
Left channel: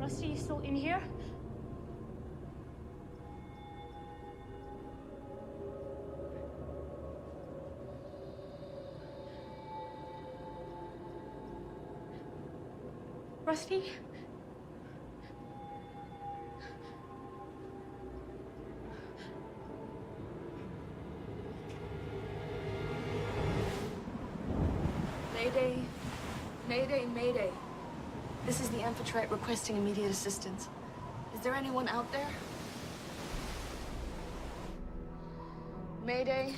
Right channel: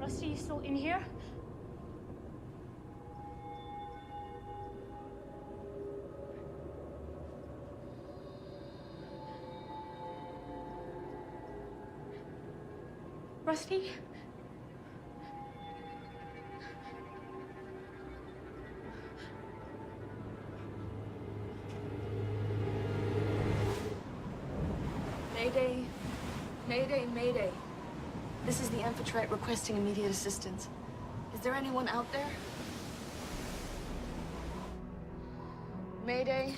Rusty, you still in here? Rusty? Mayday. Mayday, mayday. This is the Amphitrite requesting immediate assistance. Is there anyone out there? Mayday.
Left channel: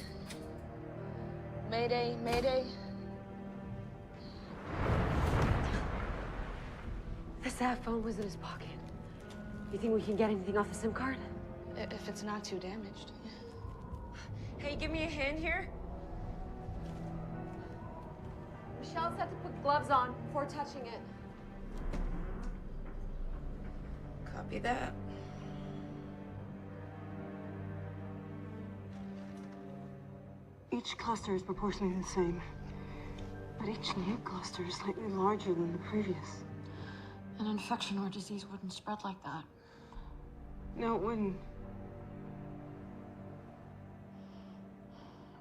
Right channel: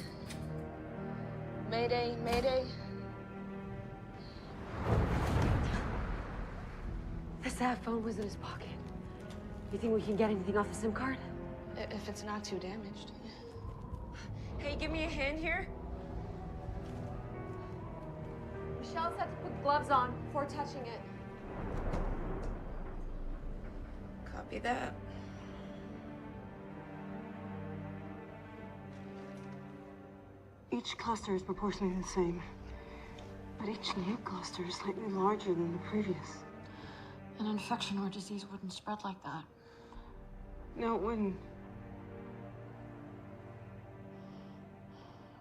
Mayday, mayday. The sat phone was in his pocket. You think we can get anything off the SIM card? If it's not too damaged. Hey, give me a hand here. Michelle said to put gloves on before touching it. Copy that. Each cluster is proportionally the same, but each new cluster is slightly larger than the previous. An infection or disease wouldn't spread like that. No, it wouldn't.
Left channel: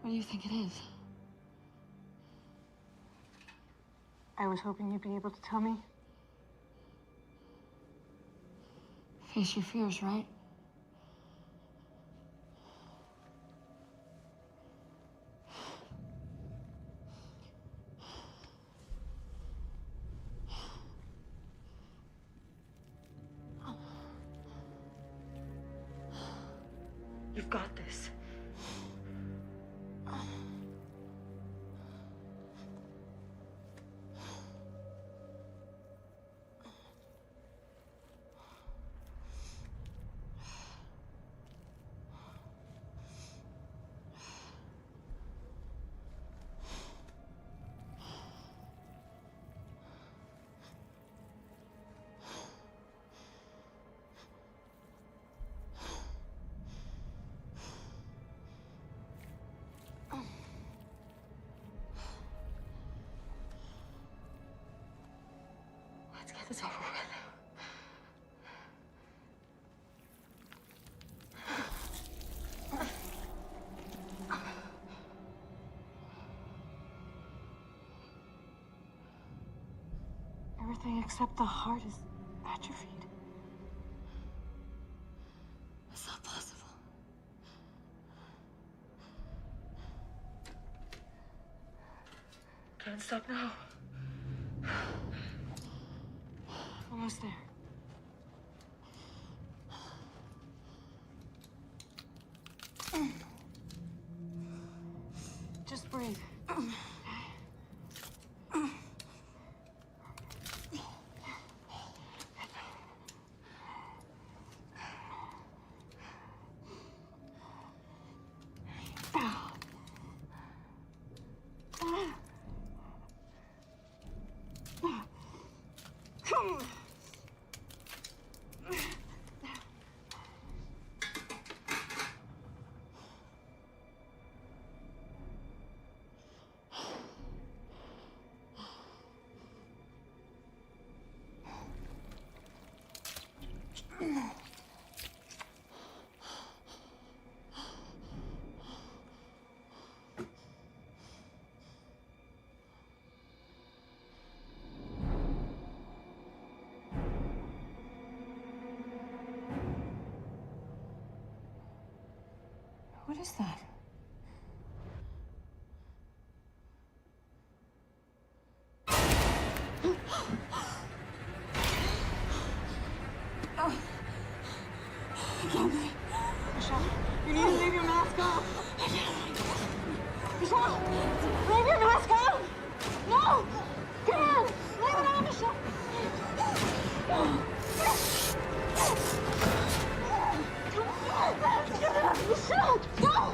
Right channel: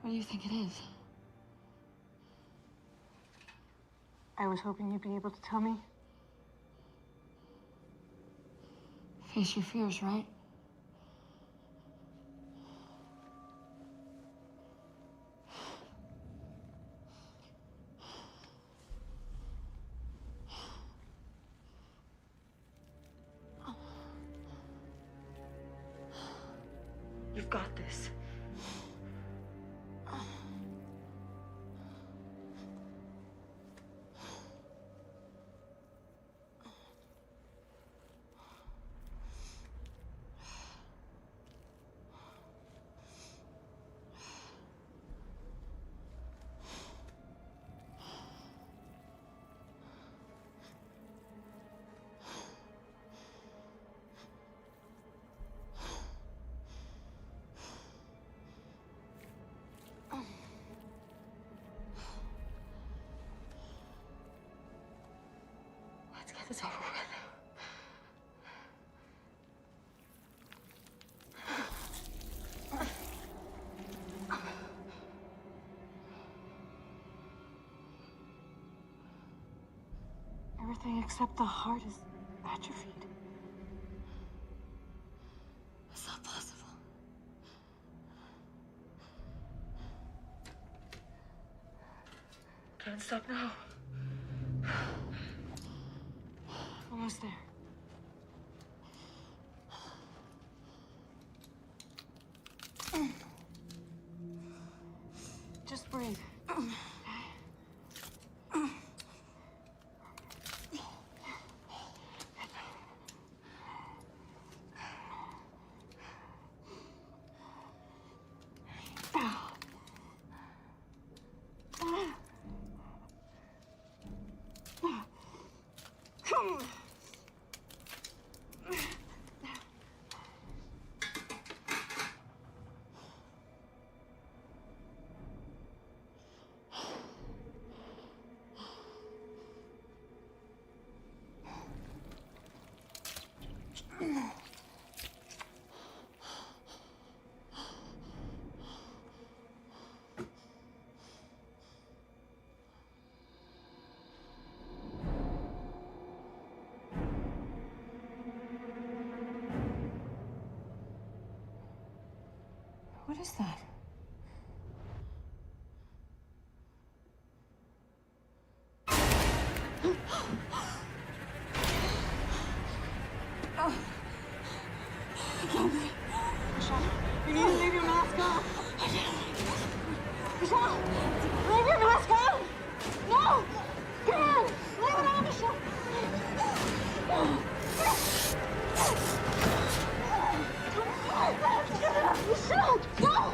What do you think it is? I was hoping you'd be able to tell me. Face your fears, right? You've got this. Let's get this over with. Everything except the heart is atrophied. It's not possible. Can't stop now. Almost there. Just breathe. What is that? Michelle, you need to leave your mask on. Michelle, leave your mask on. No! Come on, leave it on, Michelle. Michelle, go!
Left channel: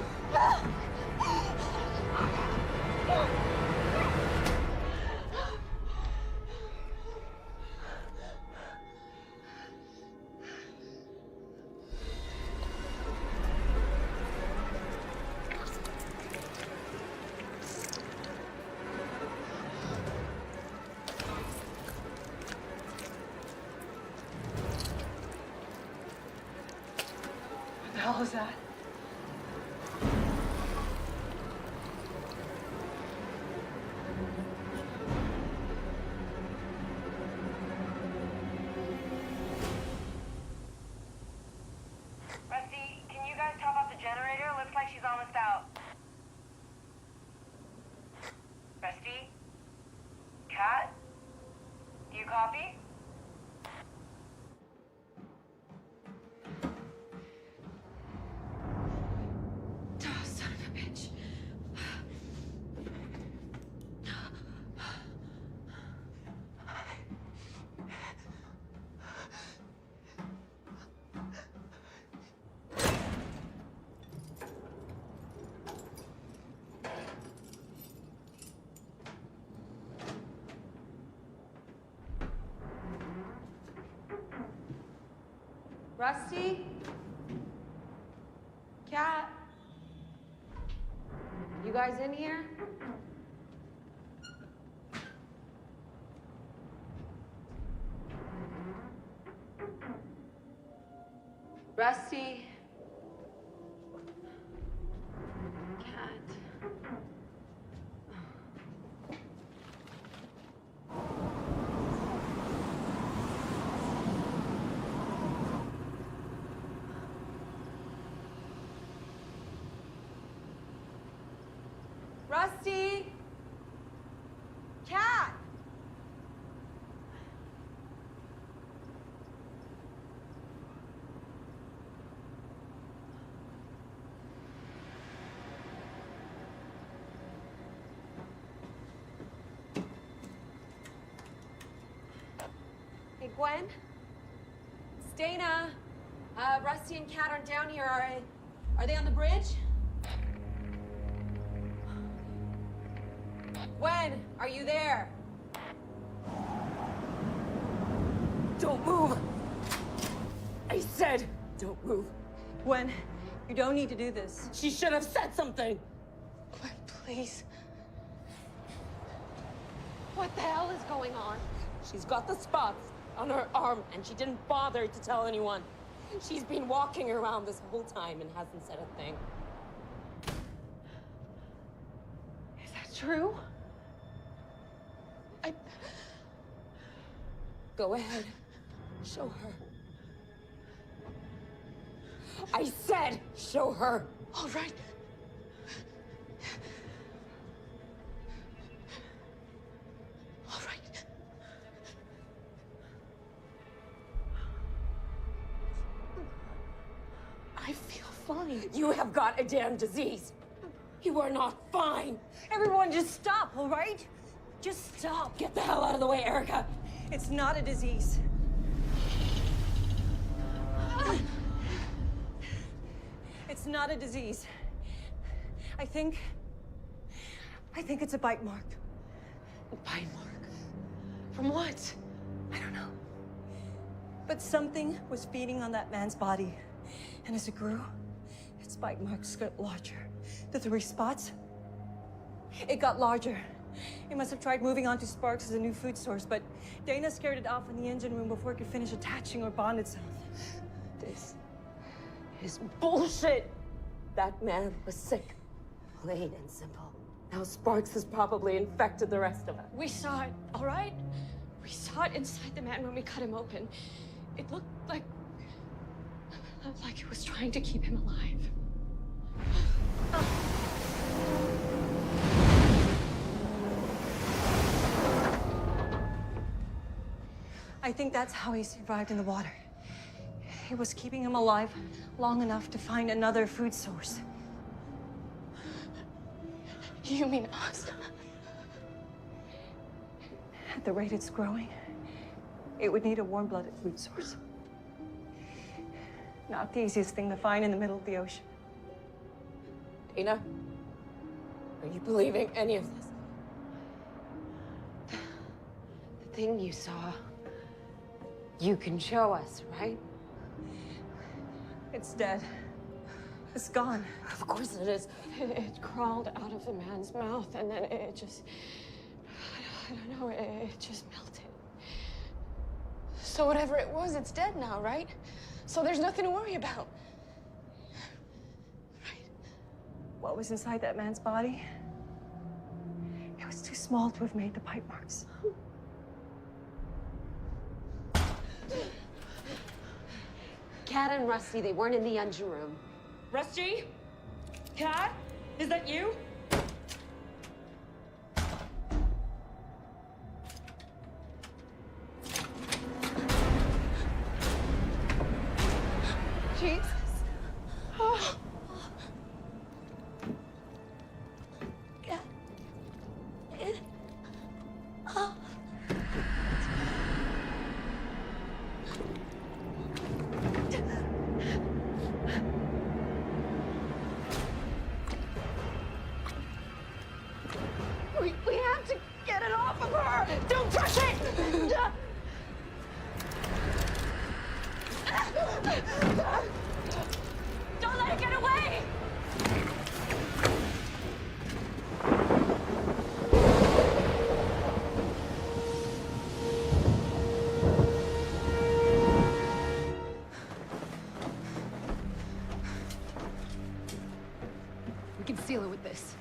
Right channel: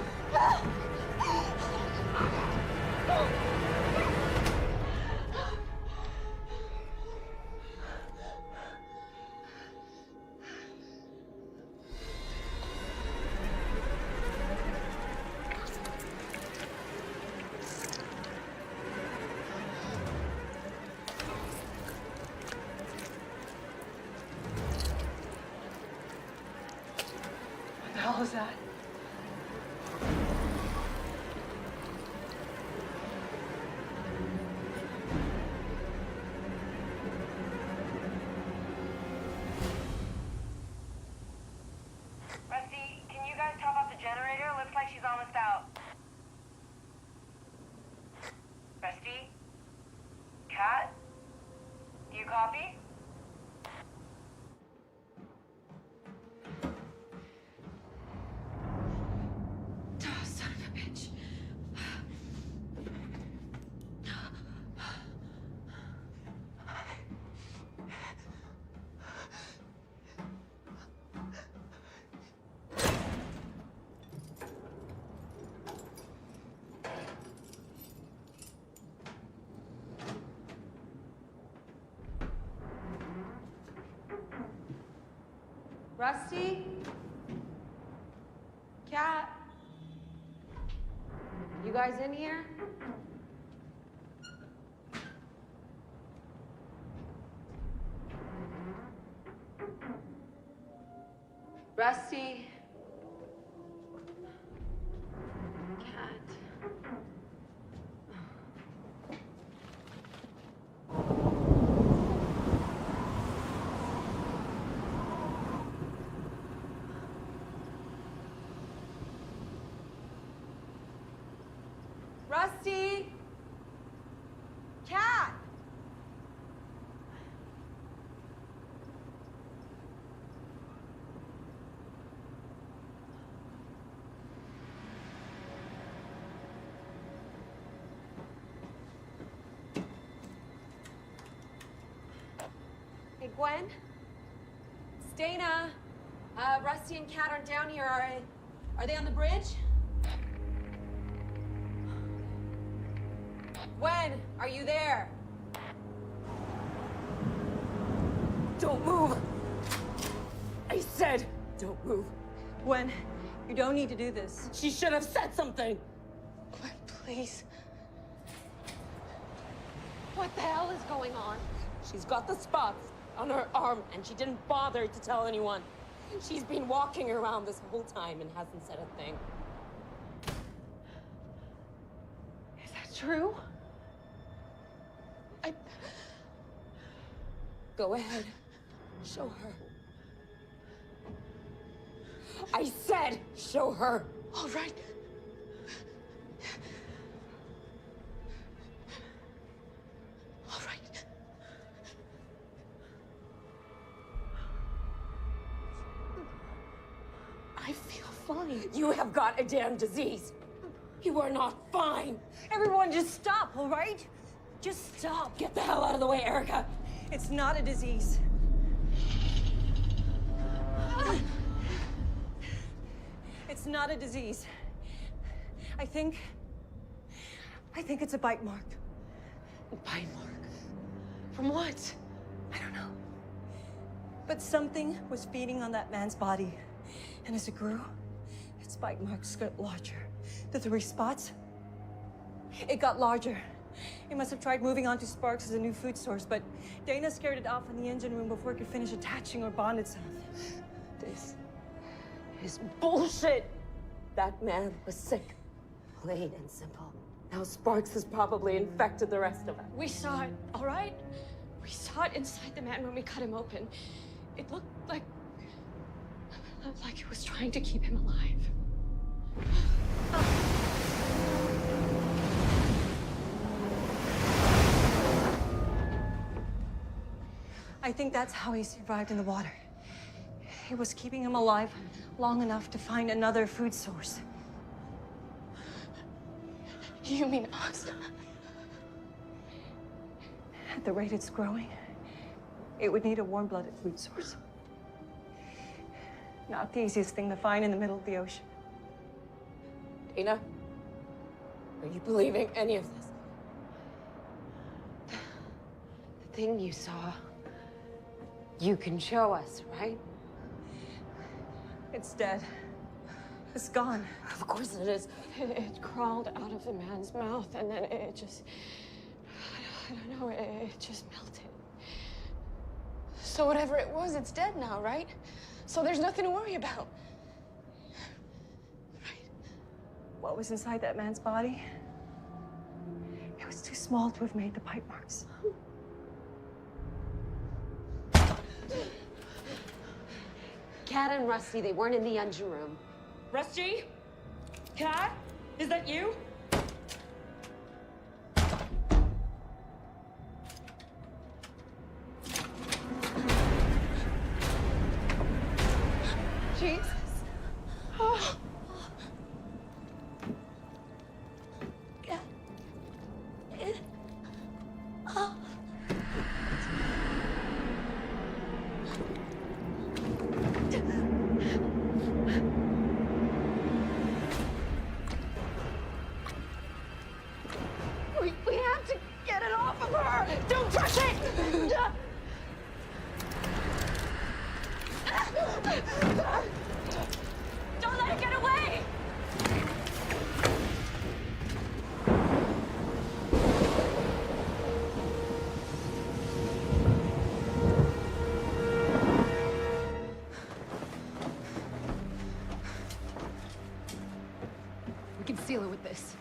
What the hell is that? Rusty, can you guys top off the generator? Looks like she's almost out. Rusty? Cat? Do you copy? Oh, son of a bitch. Rusty? Cat? You guys in here? Rusty? Cat? Rusty? Cat? Hey, Gwen? It's Dana. Rusty and Cat aren't down here, are they on the bridge? Gwen, are you there? Don't move! I said, don't move. Gwen, you don't need to do this. She should have said something. Gwen, please. What the hell is going on? She's got the spots on her arm, and she didn't bother to tell anyone. She's been walking around this whole time and hasn't said a thing. Is that true? Go ahead. Show her. I said, show her. All right. I feel fine. You have got a damn disease. You are not fine. Everyone just stop, all right? Just stop. Get the hell out of the way, Erica. It's not a disease. It's not a disease. I think it's a bite mark. A bite mark? From what? I don't know. But something was feeding on that man's body. And as it grew, its bite marks got larger. The 3 spots, it got larger. It must have tried moving on to Sparks as a new food source, but Dana scared it off in the engine room before it could finish attaching or bond itself. This is bullshit. That man was sick. Plain and simple. Now Sparks has probably infected the rest of us. We saw it, all right? We saw it inside the man when we cut him open. It looked like it was trying to keep him alive. I think that's how he survived in the water. It was keeping him alive long enough to find another food source. You mean us? At the rate it's growing, it would need a warm-blooded food source. Not the easiest thing to find in the middle of the ocean. Dana, are you believing any of this? The thing you saw, you can show us, right? It's dead. It's gone. Of course it is. It crawled out of the man's mouth, and then it just... I don't know, it just melted. So whatever it was, it's dead now, right? So there's nothing to worry about. Right? What was inside that man's body? It was too small to have made the bite marks. Cat and Rusty, they weren't in the engine room. Rusty? Cat? Is that you? Jesus. Oh. We have to get it off of her! Don't touch it! Don't let it get away! We can seal it with this.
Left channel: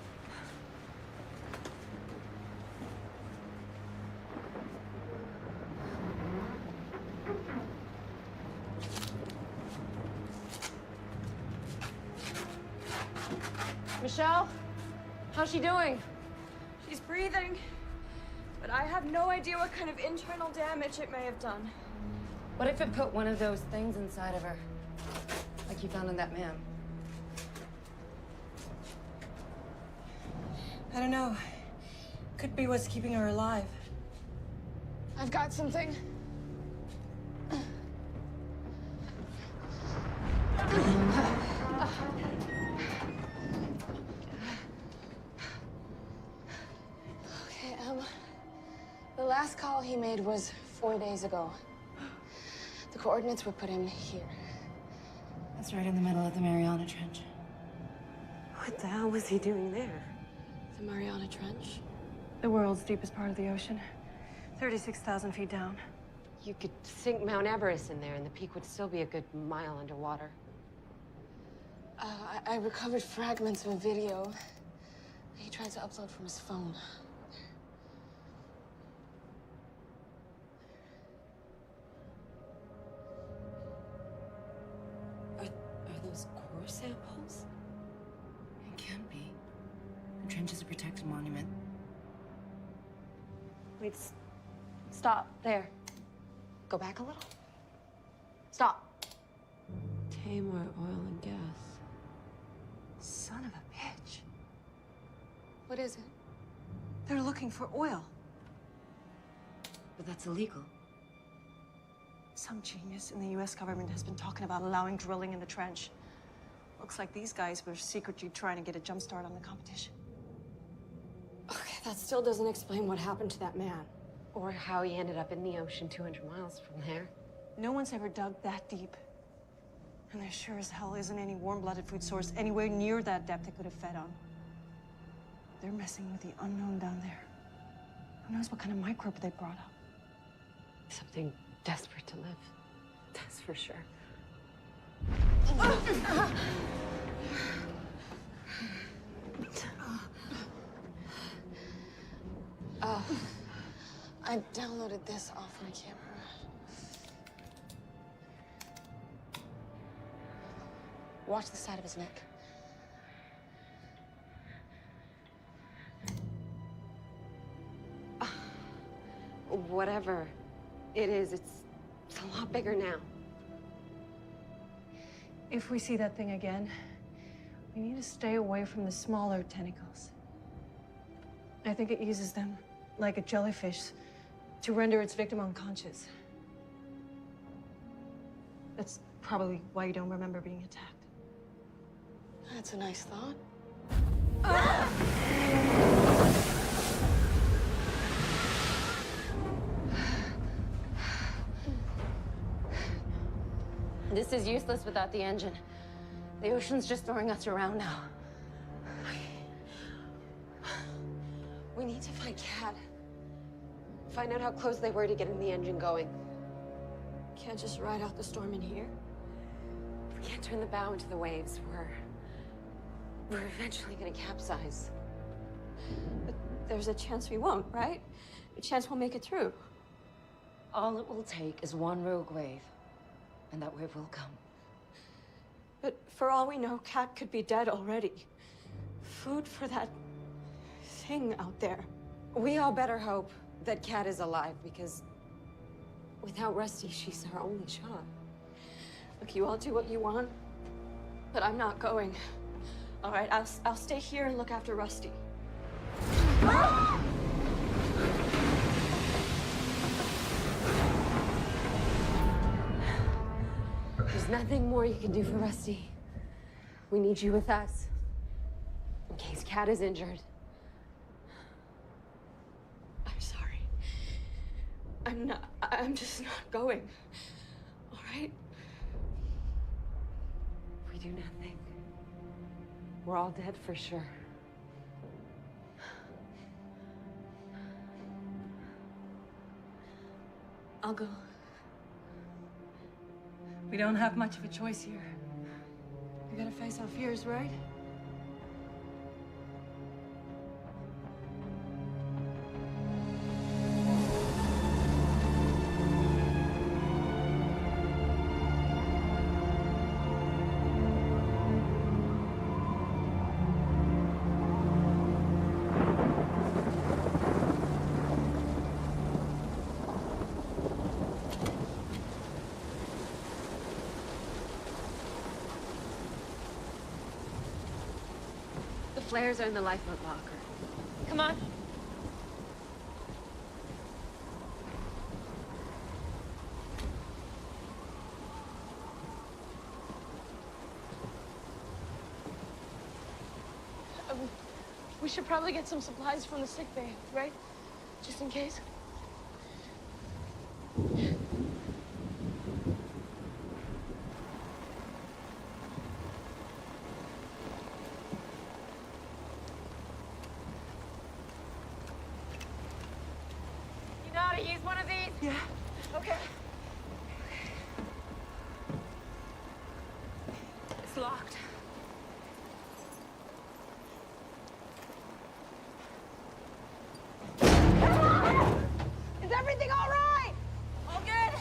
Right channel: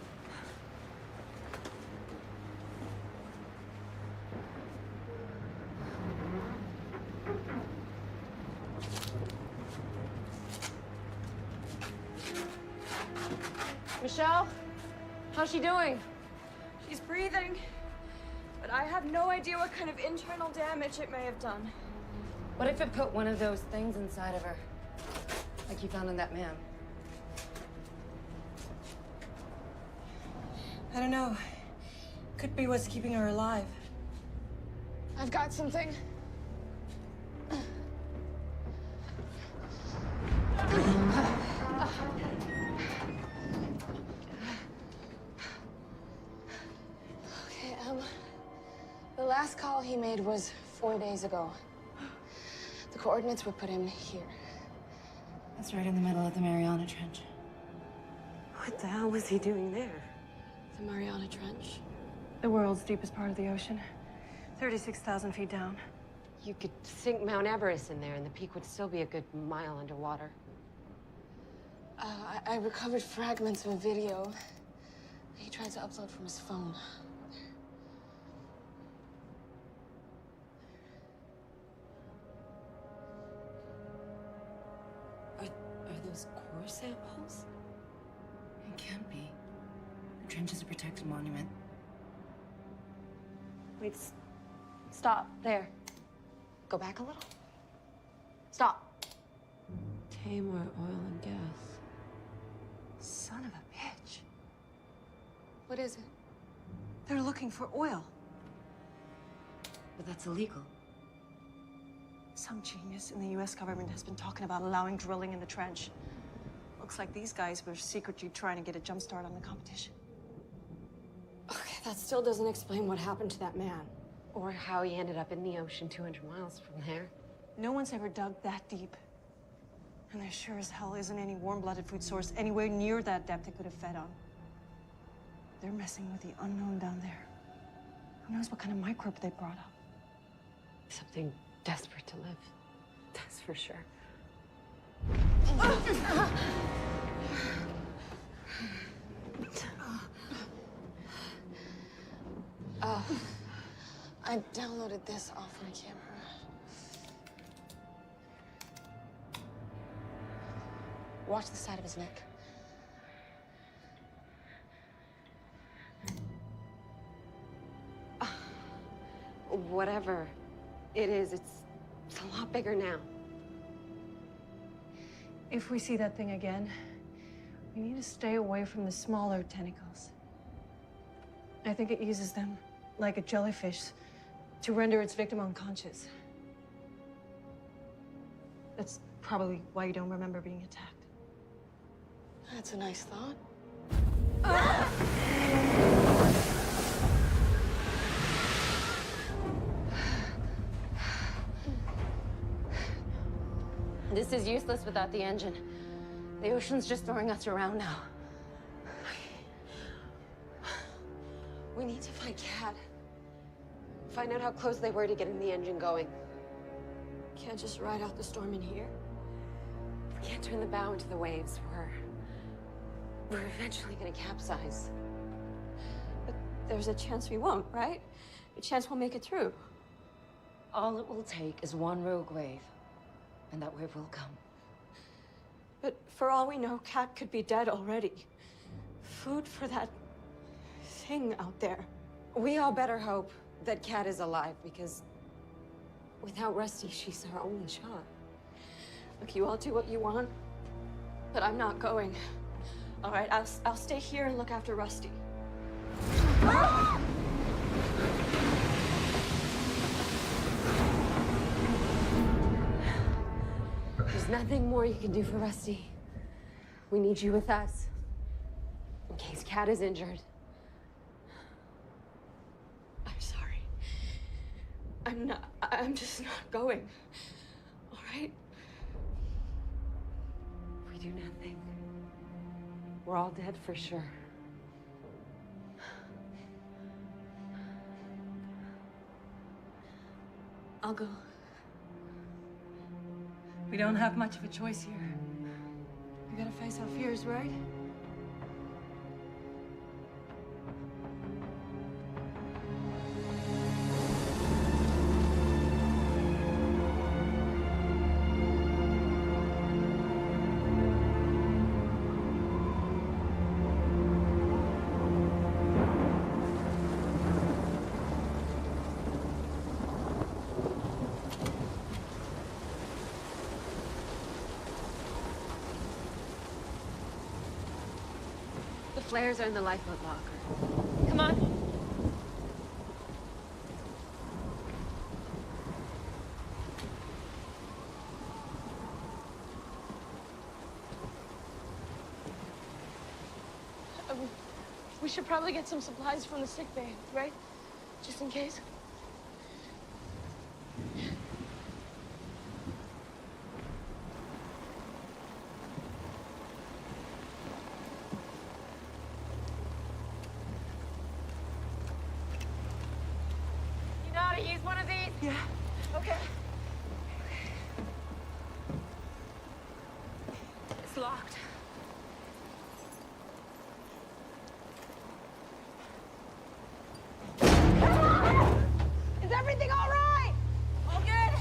Michelle, how's she doing? She's breathing, but I have no idea what kind of internal damage it may have done. What if it put one of those things inside of her? Like you found in that man? I don't know. Could be what's keeping her alive. I've got something. Okay, the last call he made was 4 days ago. The coordinates would put him here. That's right in the middle of the Mariana Trench. What the hell was he doing there? The Mariana Trench. The world's deepest part of the ocean. 36,000 feet down. You could sink Mount Everest in there and the peak would still be a good mile underwater. I recovered fragments of a video he tried to upload from his phone. Are those core samples? It can't be. The trench is a protected monument. Wait, stop, there. Go back a little. Stop. pay more oil and gas. Son of a bitch. What is it? They're looking for oil. But that's illegal. Some genius in the US government has been talking about allowing drilling in the trench. Looks like these guys were secretly trying to get a jump start on the competition. Okay, that still doesn't explain what happened to that man. Or how he ended up in the ocean 200 miles from there. No one's ever dug that deep. And there sure as hell isn't any warm-blooded food source anywhere near that depth it could have fed on. They're messing with the unknown down there. Who knows what kind of microbe they brought up? Something desperate to live. That's for sure. I downloaded this off my camera. Watch the side of his neck. Whatever it is, it's a lot bigger now. If we see that thing again, we need to stay away from the smaller tentacles. I think it uses them, like a jellyfish, to render its victim unconscious. That's probably why you don't remember being attacked. That's a nice thought. This is useless without the engine. The ocean's just throwing us around now. We need to find Cat. Find out how close they were to getting the engine going. Can't just ride out the storm in here. If we can't turn the bow into the waves, we're eventually gonna capsize. But there's a chance we won't, right? A chance we'll make it through. All it will take is one rogue wave, and that wave will come. But for all we know, Cat could be dead already. Food for that thing out there. We all better hope that Cat is alive, because without Rusty, she's our only shot. Look, you all do what you want, but I'm not going. All right, I'll stay here and look after Rusty. There's nothing more you can do for Rusty. We need you with us, in case Cat is injured. I'm sorry. I'm just not going. All right? If we do nothing, we're all dead for sure. I'll go. We don't have much of a choice here. We gotta face our fears, right? The flares are in the lifeboat locker. Come on. We should probably get some supplies from the sick bay, right? Just in case. You know how to use one of these? Yeah. Okay. It's locked. Is everything all right? All good?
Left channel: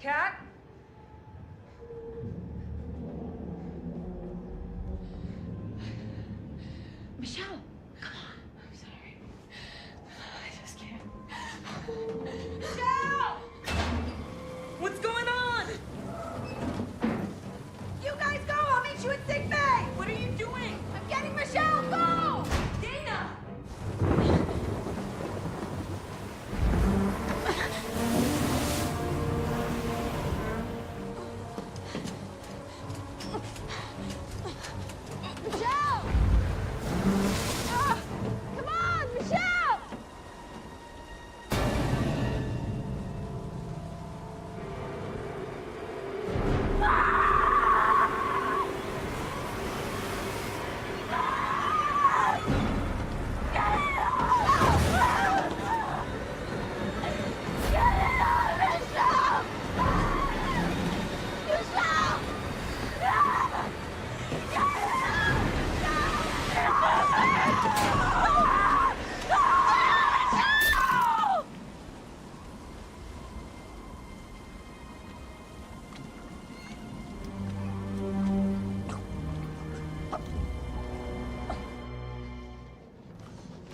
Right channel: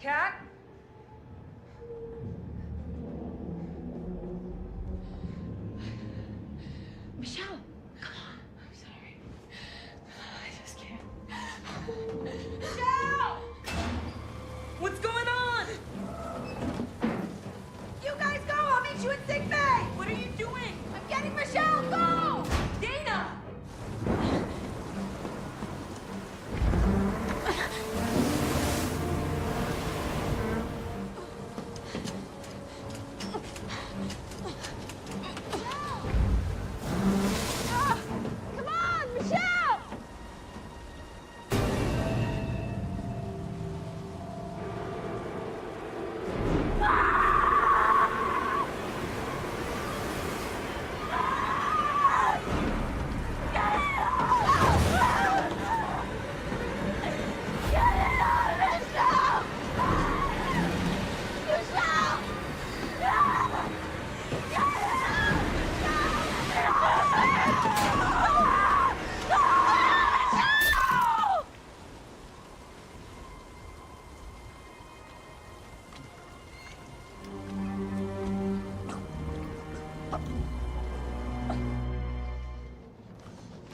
Cat? Michelle, come on. I'm sorry. I just can't. Michelle! What's going on? You guys go! I'll meet you at sick bay! What are you doing? I'm getting Michelle! Go! Dana! Michelle! Ah, come on, Michelle!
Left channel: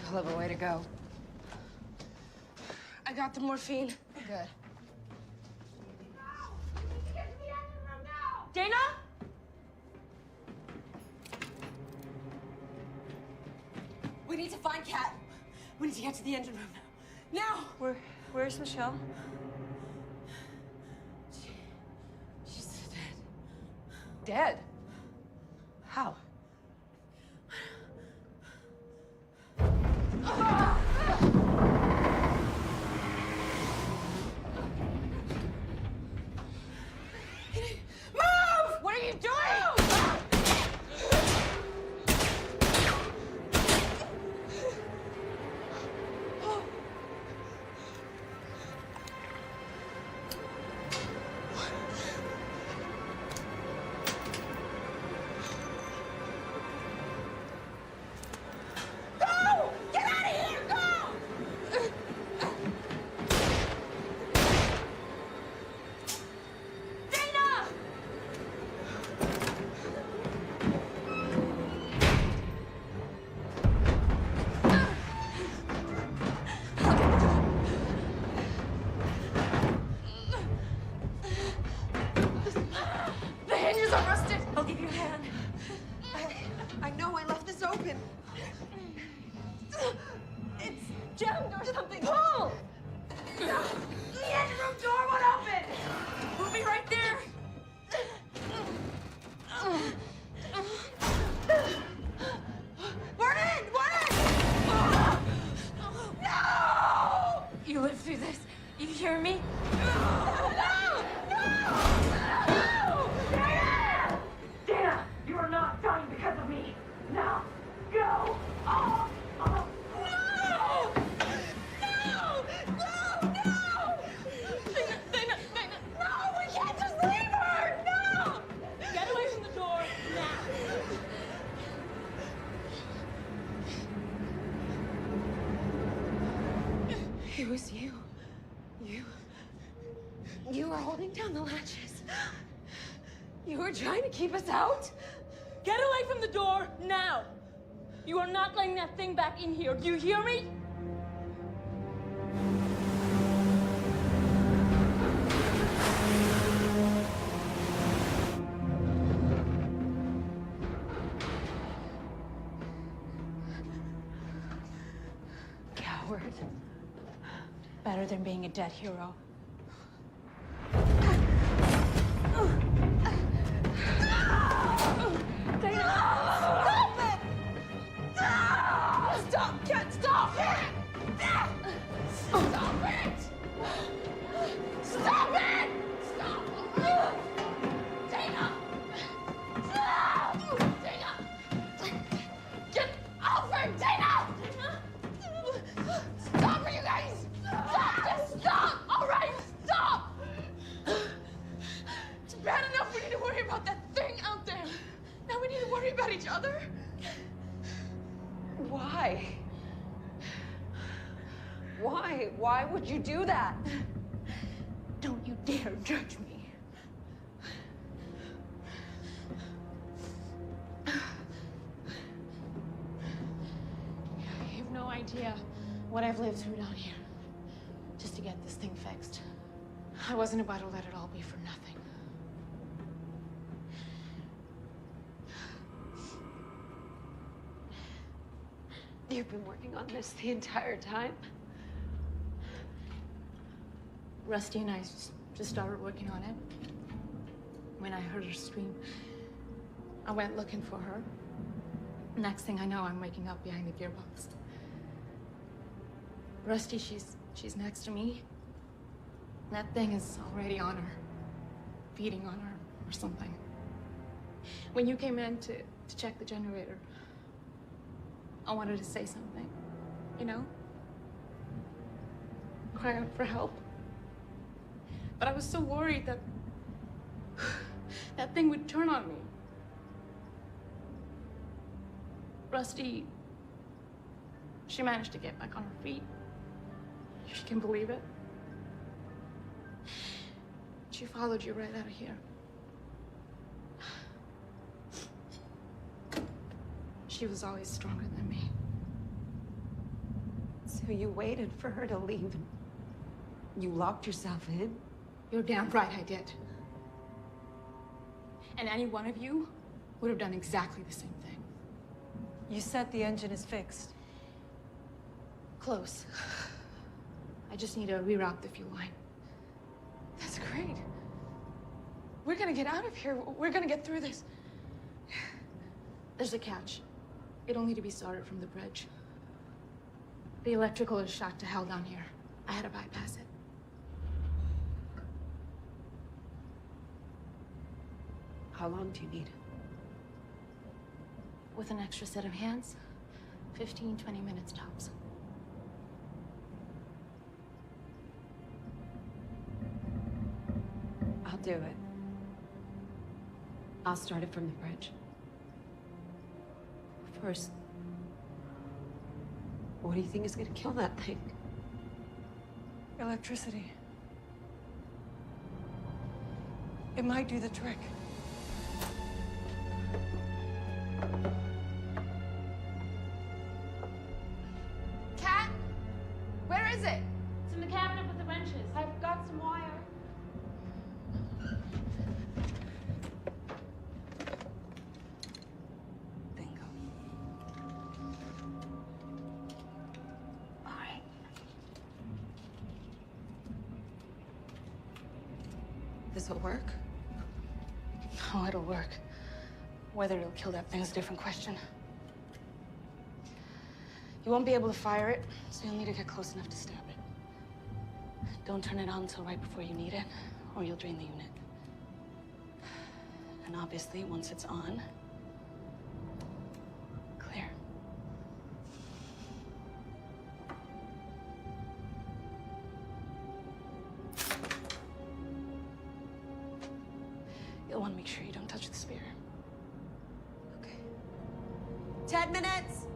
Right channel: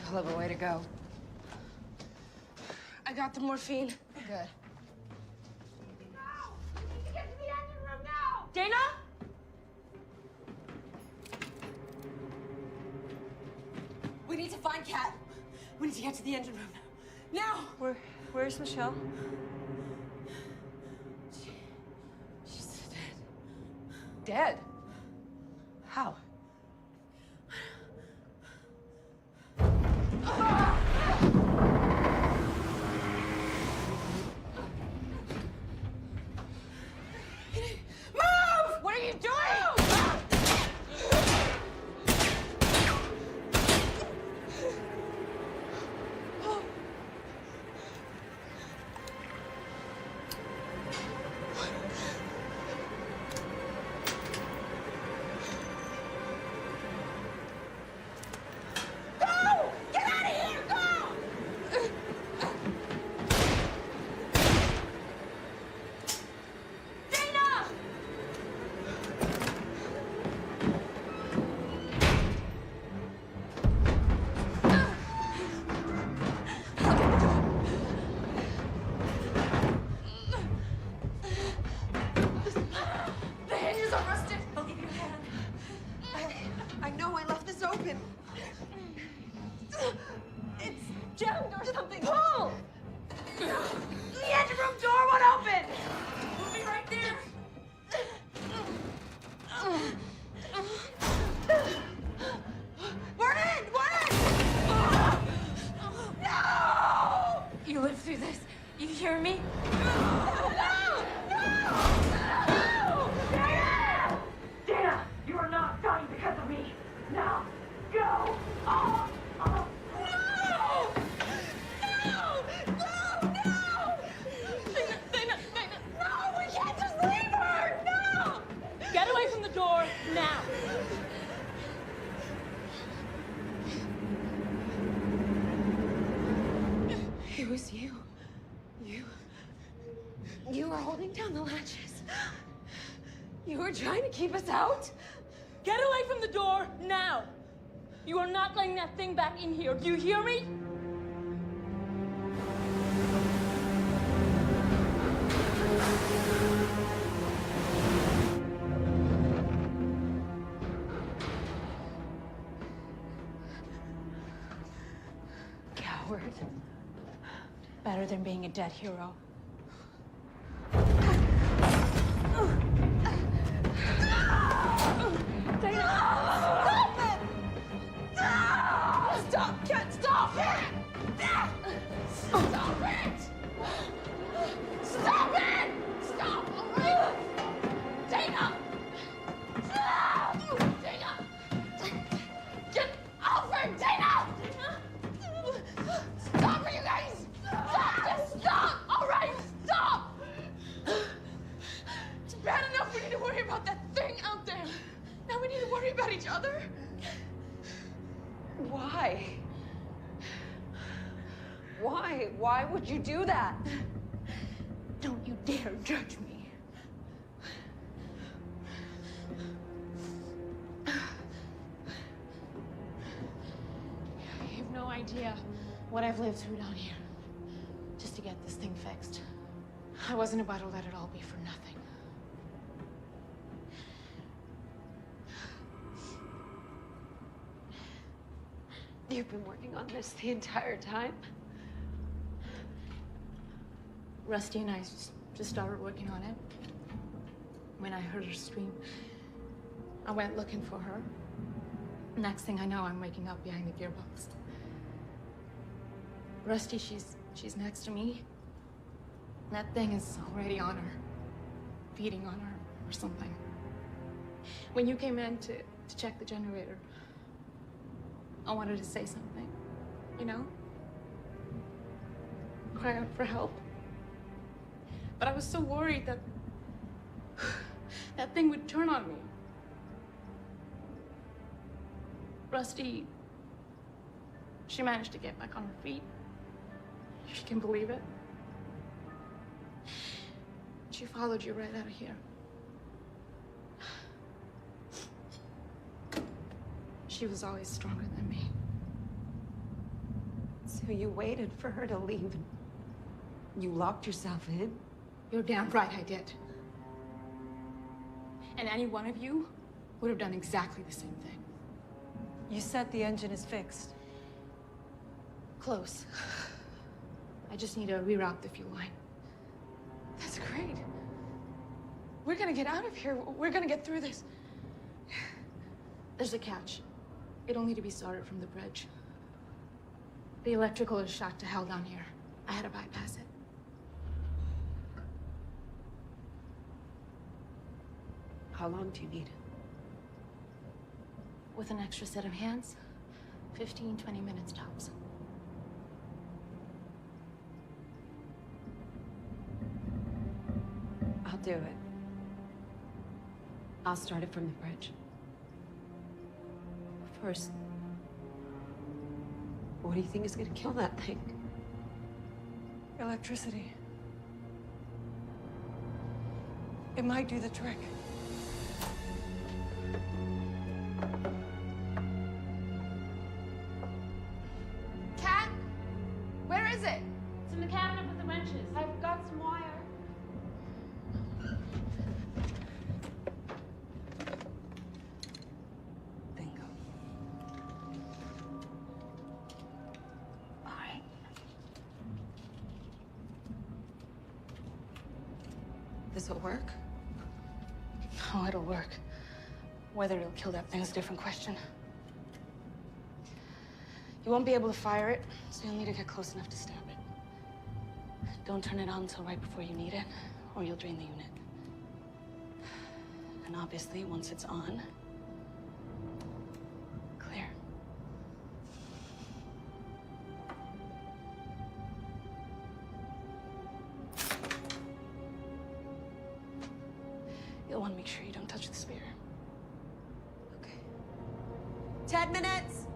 Hell of a way to go. I got the morphine. Good. Dana? We need to find Kat. We need to get to the engine room now. Where's Michelle? She's dead. Dead? How? Move! What are you doing? Go! Get out of here! Go! Dana! The hinges are rusted. I'll give you a hand. I know I left this open. It's jammed or something. Pull! The engine room door won't open. We'll be right there. We're in! We're in! No! You lived through this. You hear me? Dana, you are not dying because of me. Now, go. Oh, oh. No, we can't just leave her! No! Get away from the door now. It was you. You were holding down the latches. You were trying to keep us out. Get away from the door now. You are not letting that thing back in here. Do you hear me? Coward. Better than being a dead hero. Stop it! Stop! Cat, stop it! Stop it! Stop it! Stop! Dana! Dana! Get off her! Dana! Stop her, you guys! Stop! Just stop! All right, stop! It's bad enough we need to worry about that thing out there. Now we need to worry about each other. Why? Why? Why would you do that? Don't you dare judge me. You have no idea what I've lived through down here just to get this thing fixed. I wasn't about to let it all be for nothing. You've been working on this the entire time? Rusty and I just started working on it. When I heard her scream, I went looking for her. Next thing I know, I'm waking up behind the gearbox. Rusty, she's next to me. That thing is already on her, feeding on her or something. When you came in to check the generator, I wanted to say something, you know? Cry out for help. But I was so worried that that thing would turn on me. Rusty, she managed to get back on her feet. If you can believe it. She followed you right out of here. She was always stronger than me. So you waited for her to leave and you locked yourself in? You're damn right I did. And any one of you would have done exactly the same thing. You said the engine is fixed. Close. I just need to reroute the fuel line. That's great. We're gonna get out of here. We're gonna get through this. There's a catch. It'll need to be started from the bridge. The electrical is shot to hell down here. I had to bypass it. How long do you need? With an extra set of hands, 15, 20 minutes tops. I'll do it. I'll start it from the bridge. First, what do you think is gonna kill that thing? Electricity. It might do the trick. Cat? Where is it? It's in the cabinet with the wrenches. I've got some wire. Bingo. All right. This'll work? Oh, it'll work. Whether it'll kill that thing is a different question. You won't be able to fire it, so you'll need to get close enough to stab it. Don't turn it on until right before you need it, or you'll drain the unit. And obviously, once it's on, clear. You'll want to make sure you don't touch the spear. Okay. 10 minutes!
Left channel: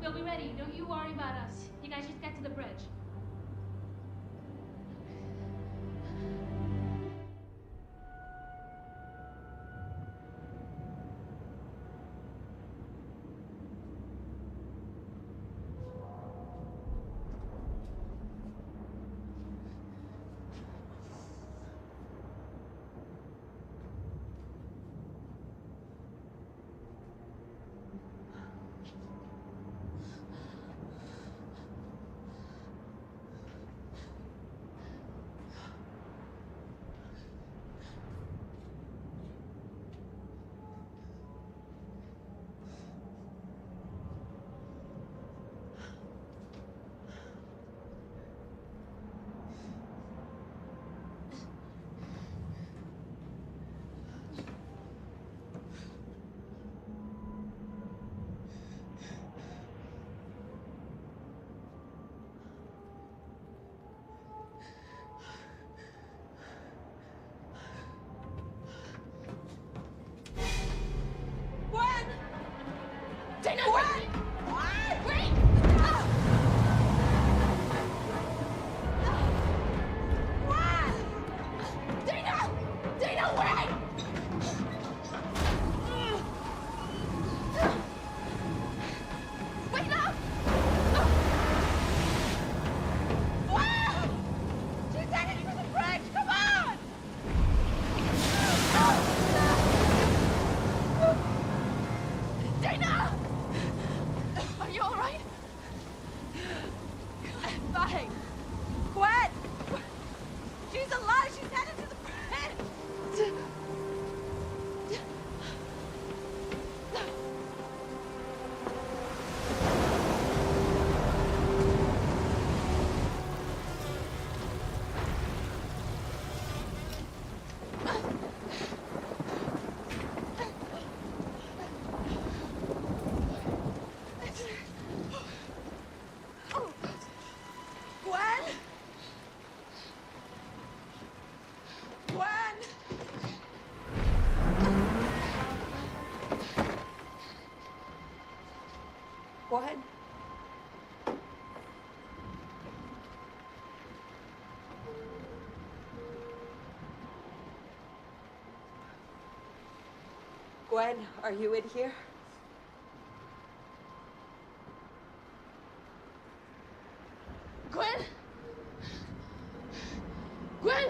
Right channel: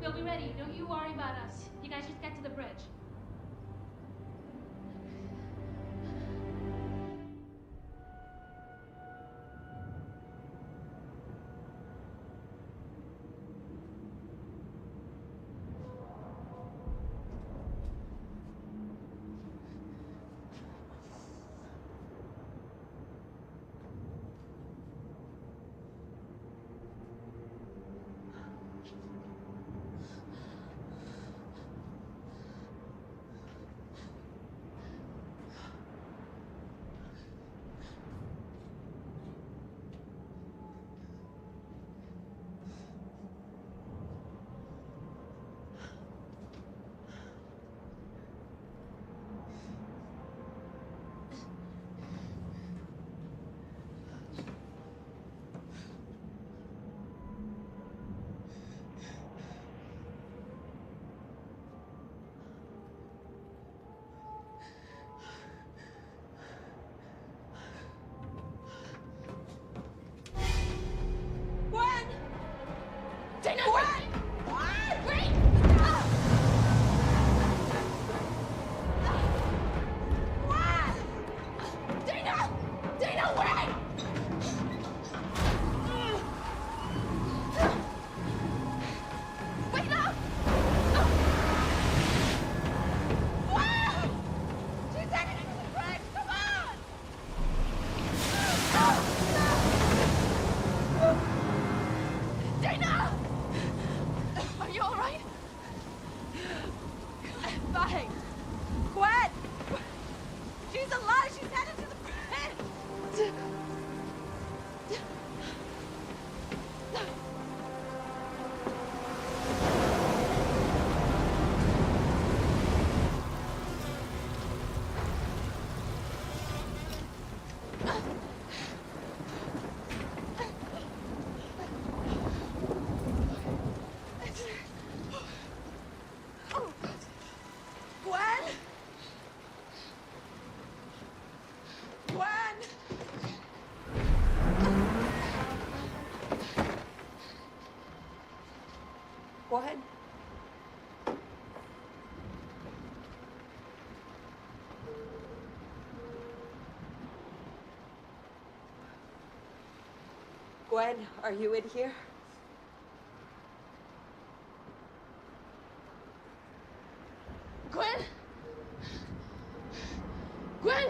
We'll be ready. Don't you worry about us. You guys just get to the bridge. Gwen, are you in here? Gwen? Gwen?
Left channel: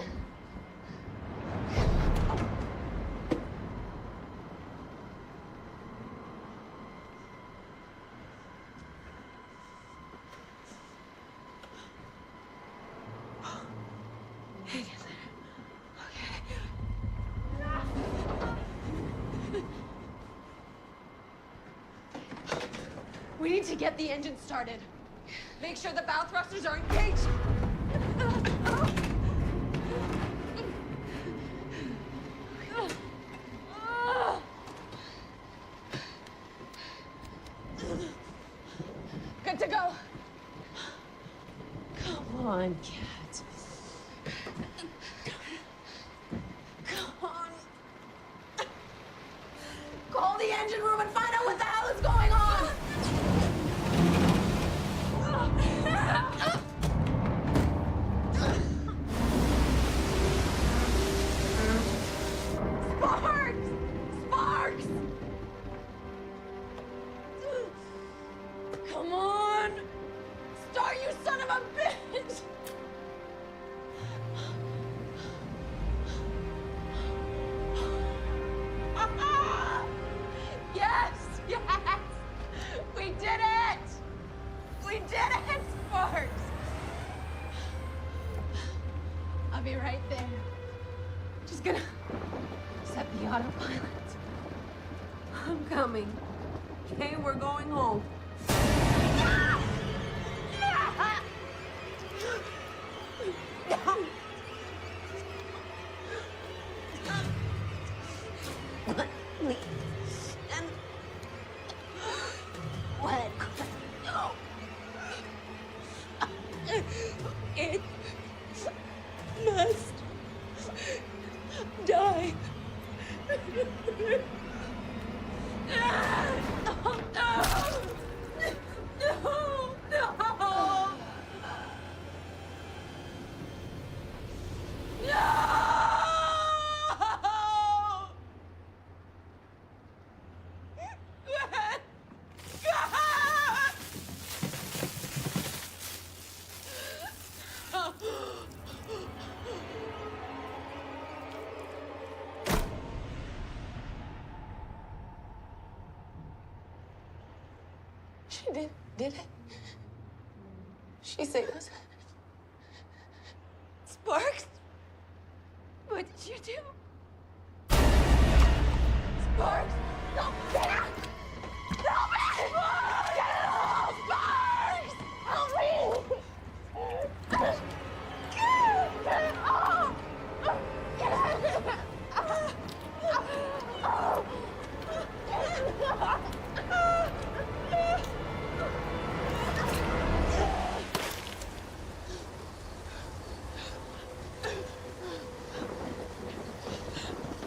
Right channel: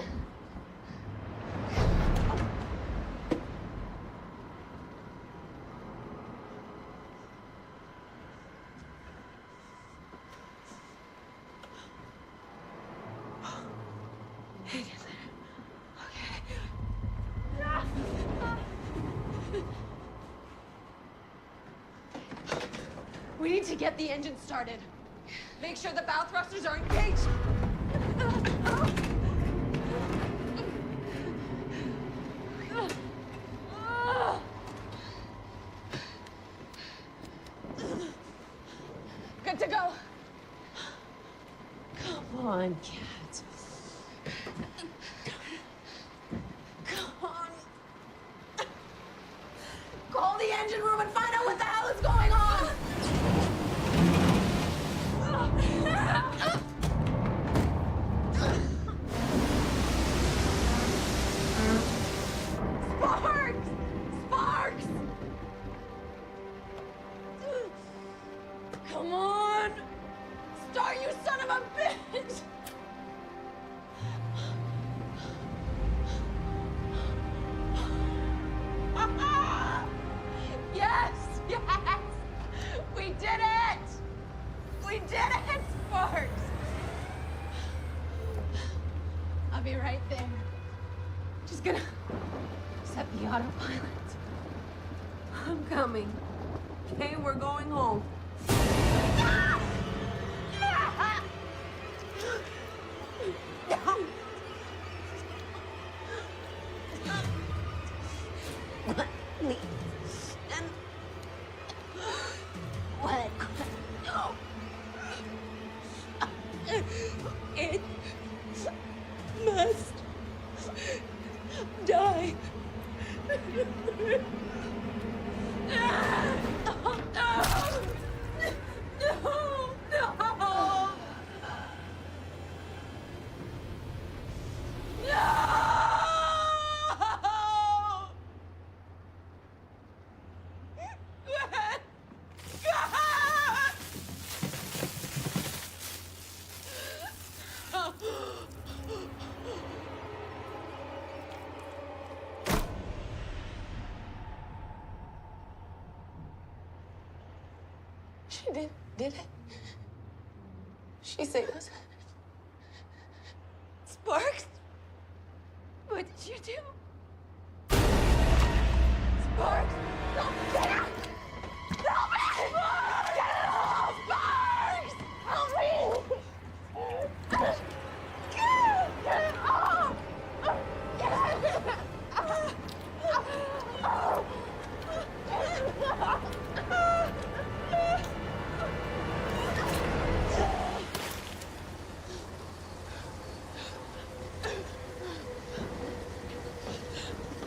We need to get the engine started. Make sure the bow thrusters are engaged. Good to go. Come on, cat. Come on. Call the engine room and find out what the hell is going on. Sparks! Sparks! Come on! Start, you son of a bitch! Yes! Yes! We did it! We did it, Sparks! I'll be right there. Just gonna set the autopilot. I'm coming. Okay, we're going home. Please. And what? No. It must die. She did it? She saved us? Sparks? What did you do? Sparks! No, get out! Help me! Get off! Sparks! Help me! Get off!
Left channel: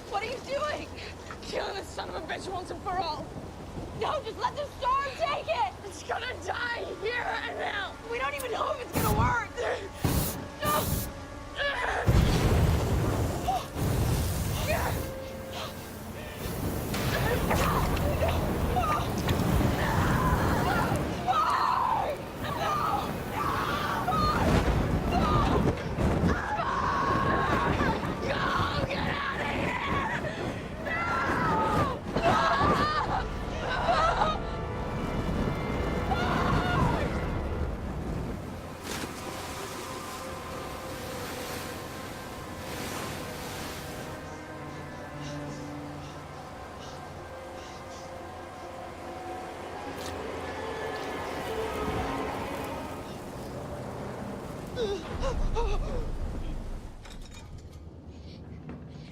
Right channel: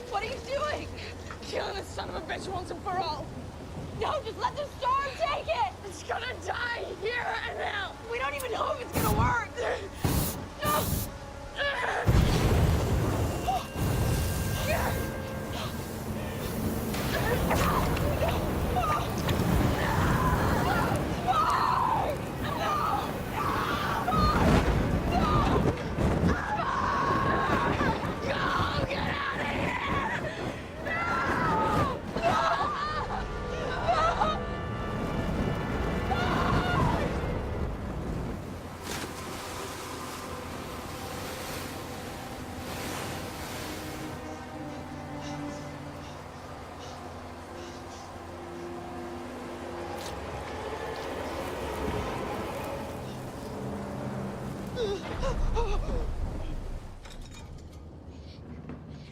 What are you doing? Killing this son of a bitch once and for all. No, just let the storm take it. It's gonna die here and now. We don't even know if it's gonna work. No.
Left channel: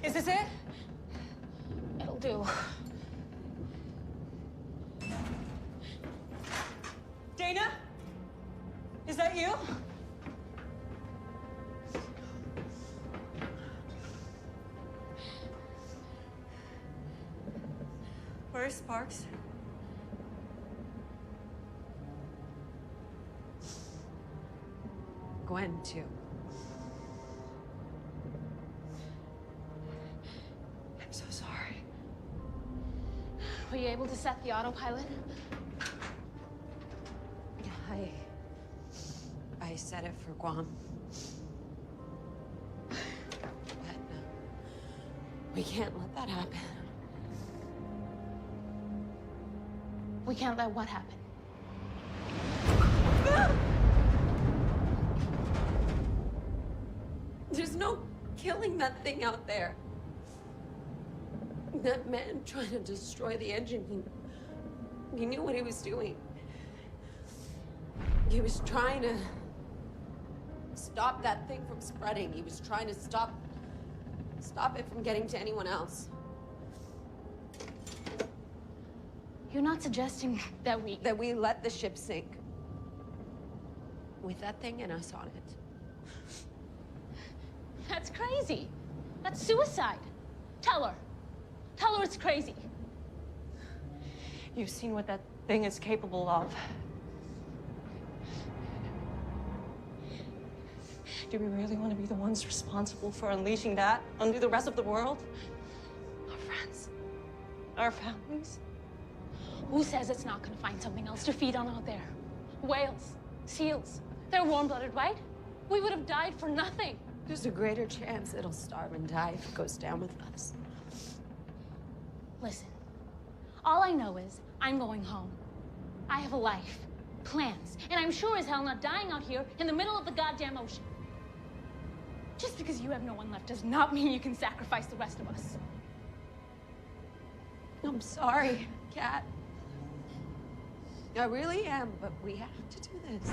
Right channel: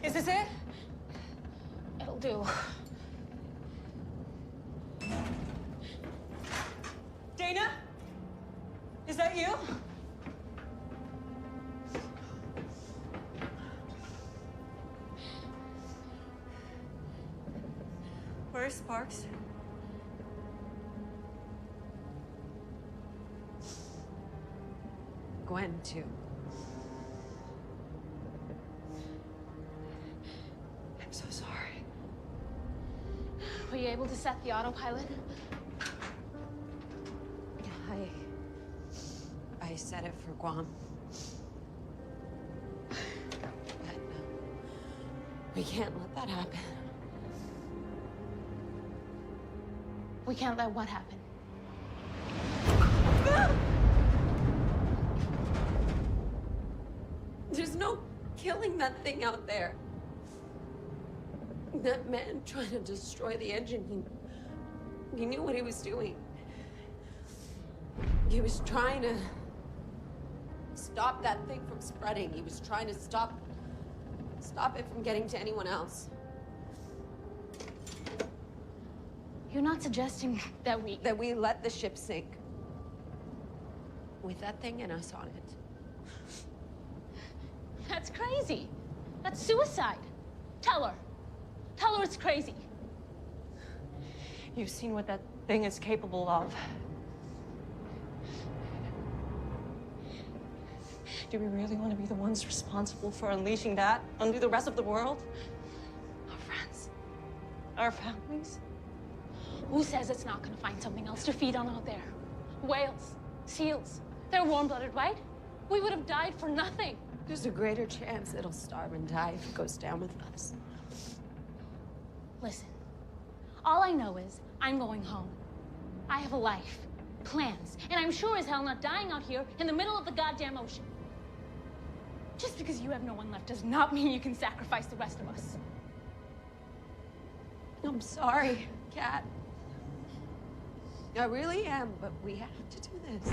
Is this it? It'll do. Dana? Is that you? Where's Sparks? Gwen, too. I'm so sorry. Were you able to set the autopilot? I set it for Guam. But we can't let that happen. We can't let what happen? There's no killing that thing out there. That man trying to destroy the engine, he knew what he was doing. He was trying to stop that thing from spreading. He was trying to stop it from getting to anyone else. You're not suggesting that we let the ship sink. With that thing and us on it. That's crazy. That's suicide. Tell her. Tell her it's crazy. You've seen what that thing is capable of. Do we really want to be the ones responsible for unleashing that onto the rest of the world? Our friends? Our families? Who says it's not gonna find something else to feed on out there? Whales, seals. They're warm-blooded, right? We would have died for nothing. There's a greater chance it'll starve and die if it goes down with us. Listen, all I know is I'm going home. I have a life, plans, and I'm sure as hell not dying out here in the middle of the goddamn ocean. Just because you have no one left does not mean you can sacrifice the rest of us. I'm sorry, Kat. I really am, but we have to do this.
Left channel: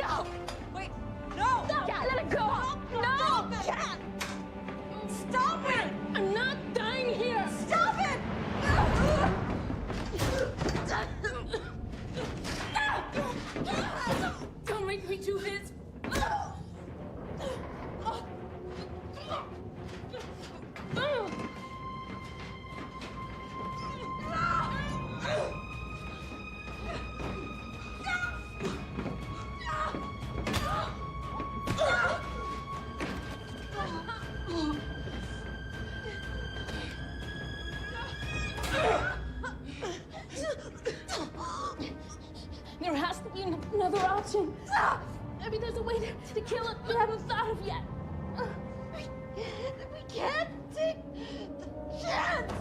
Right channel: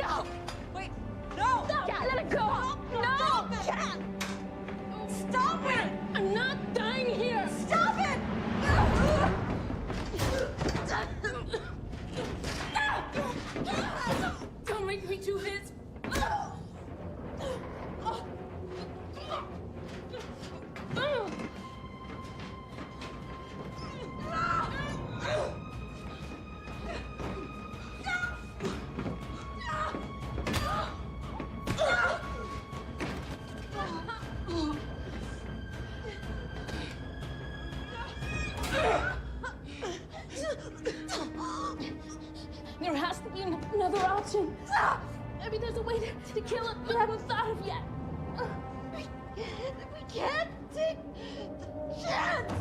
No! Wait, no! No! Kat, let it go! No! Stop it! Kat! Stop it! I'm not dying here! Stop it! Don't make me do this! There has to be another option. Maybe there's a way to kill it we haven't thought of yet. We can't take the chance!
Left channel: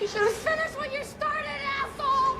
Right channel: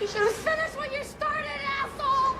You should have finished what you started, asshole!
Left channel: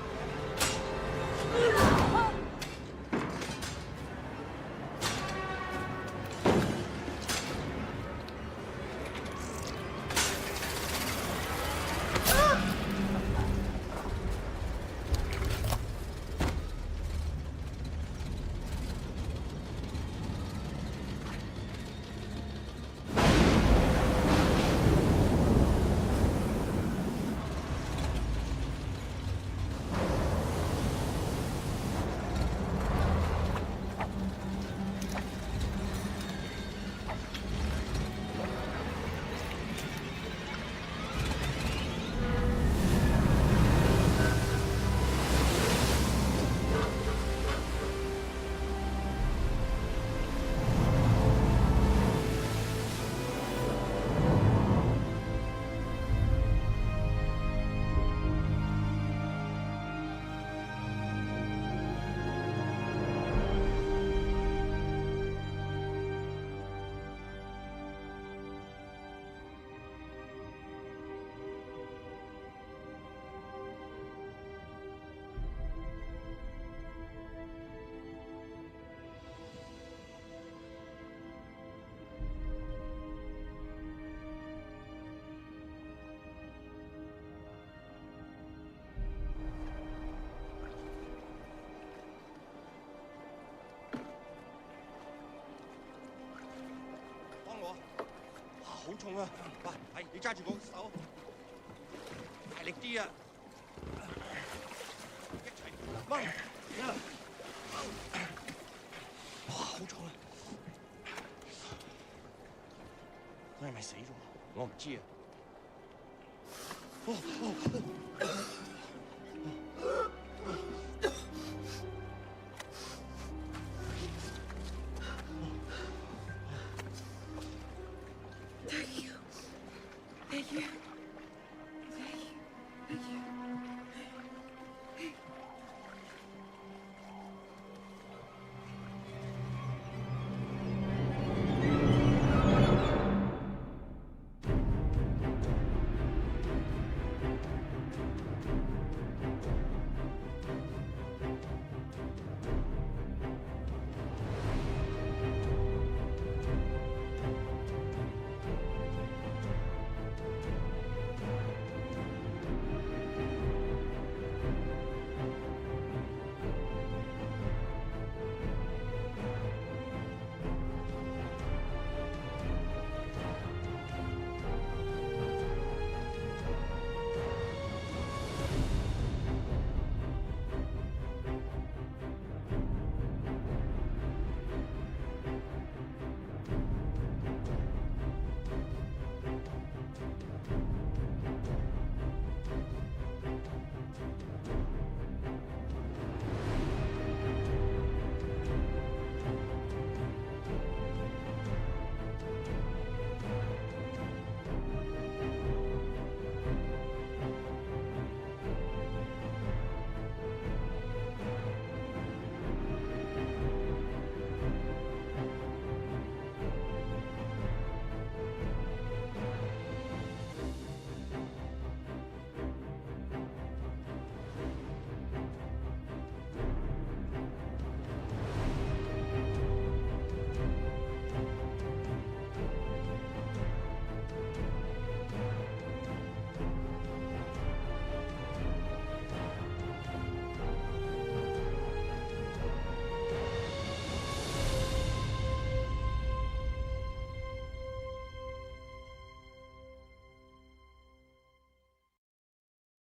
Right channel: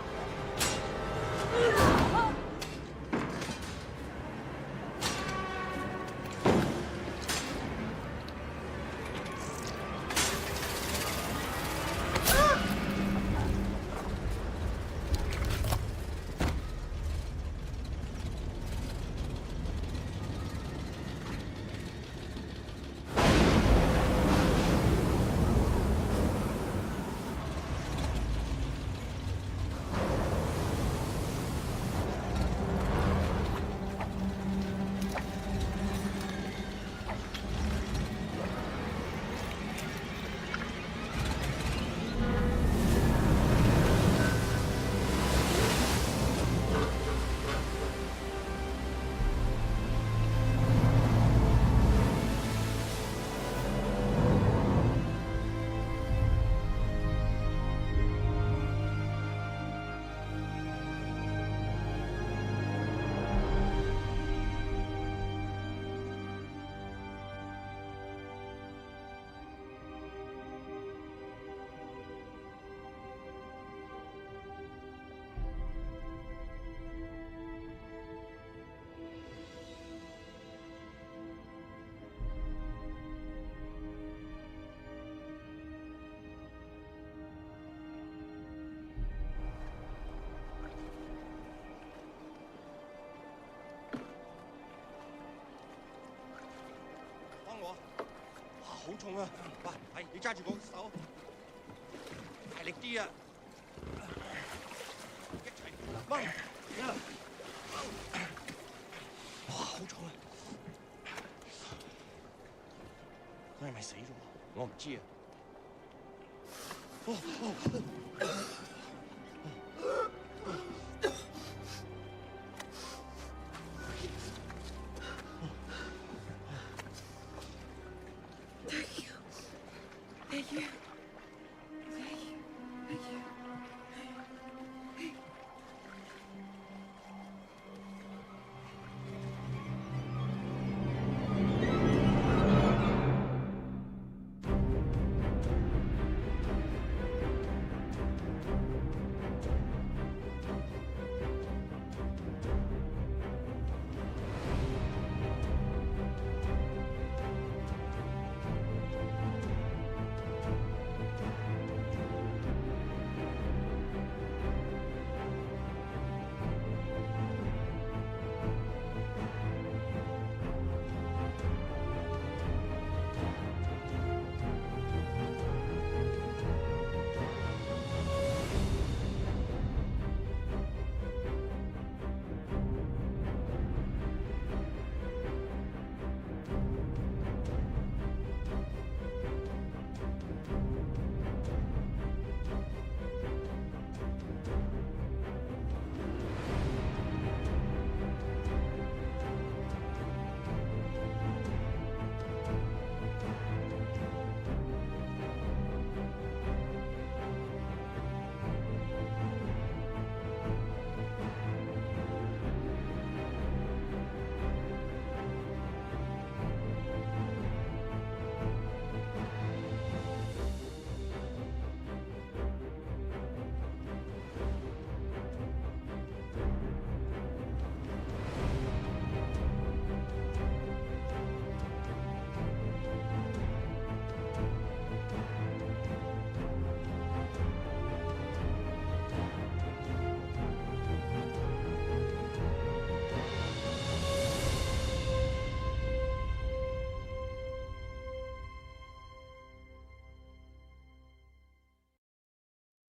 好重啊！喂，係你揸住個手，大力啲啊！一齊掹，哇，好重啊！佢係咪死咗？我唔知啊。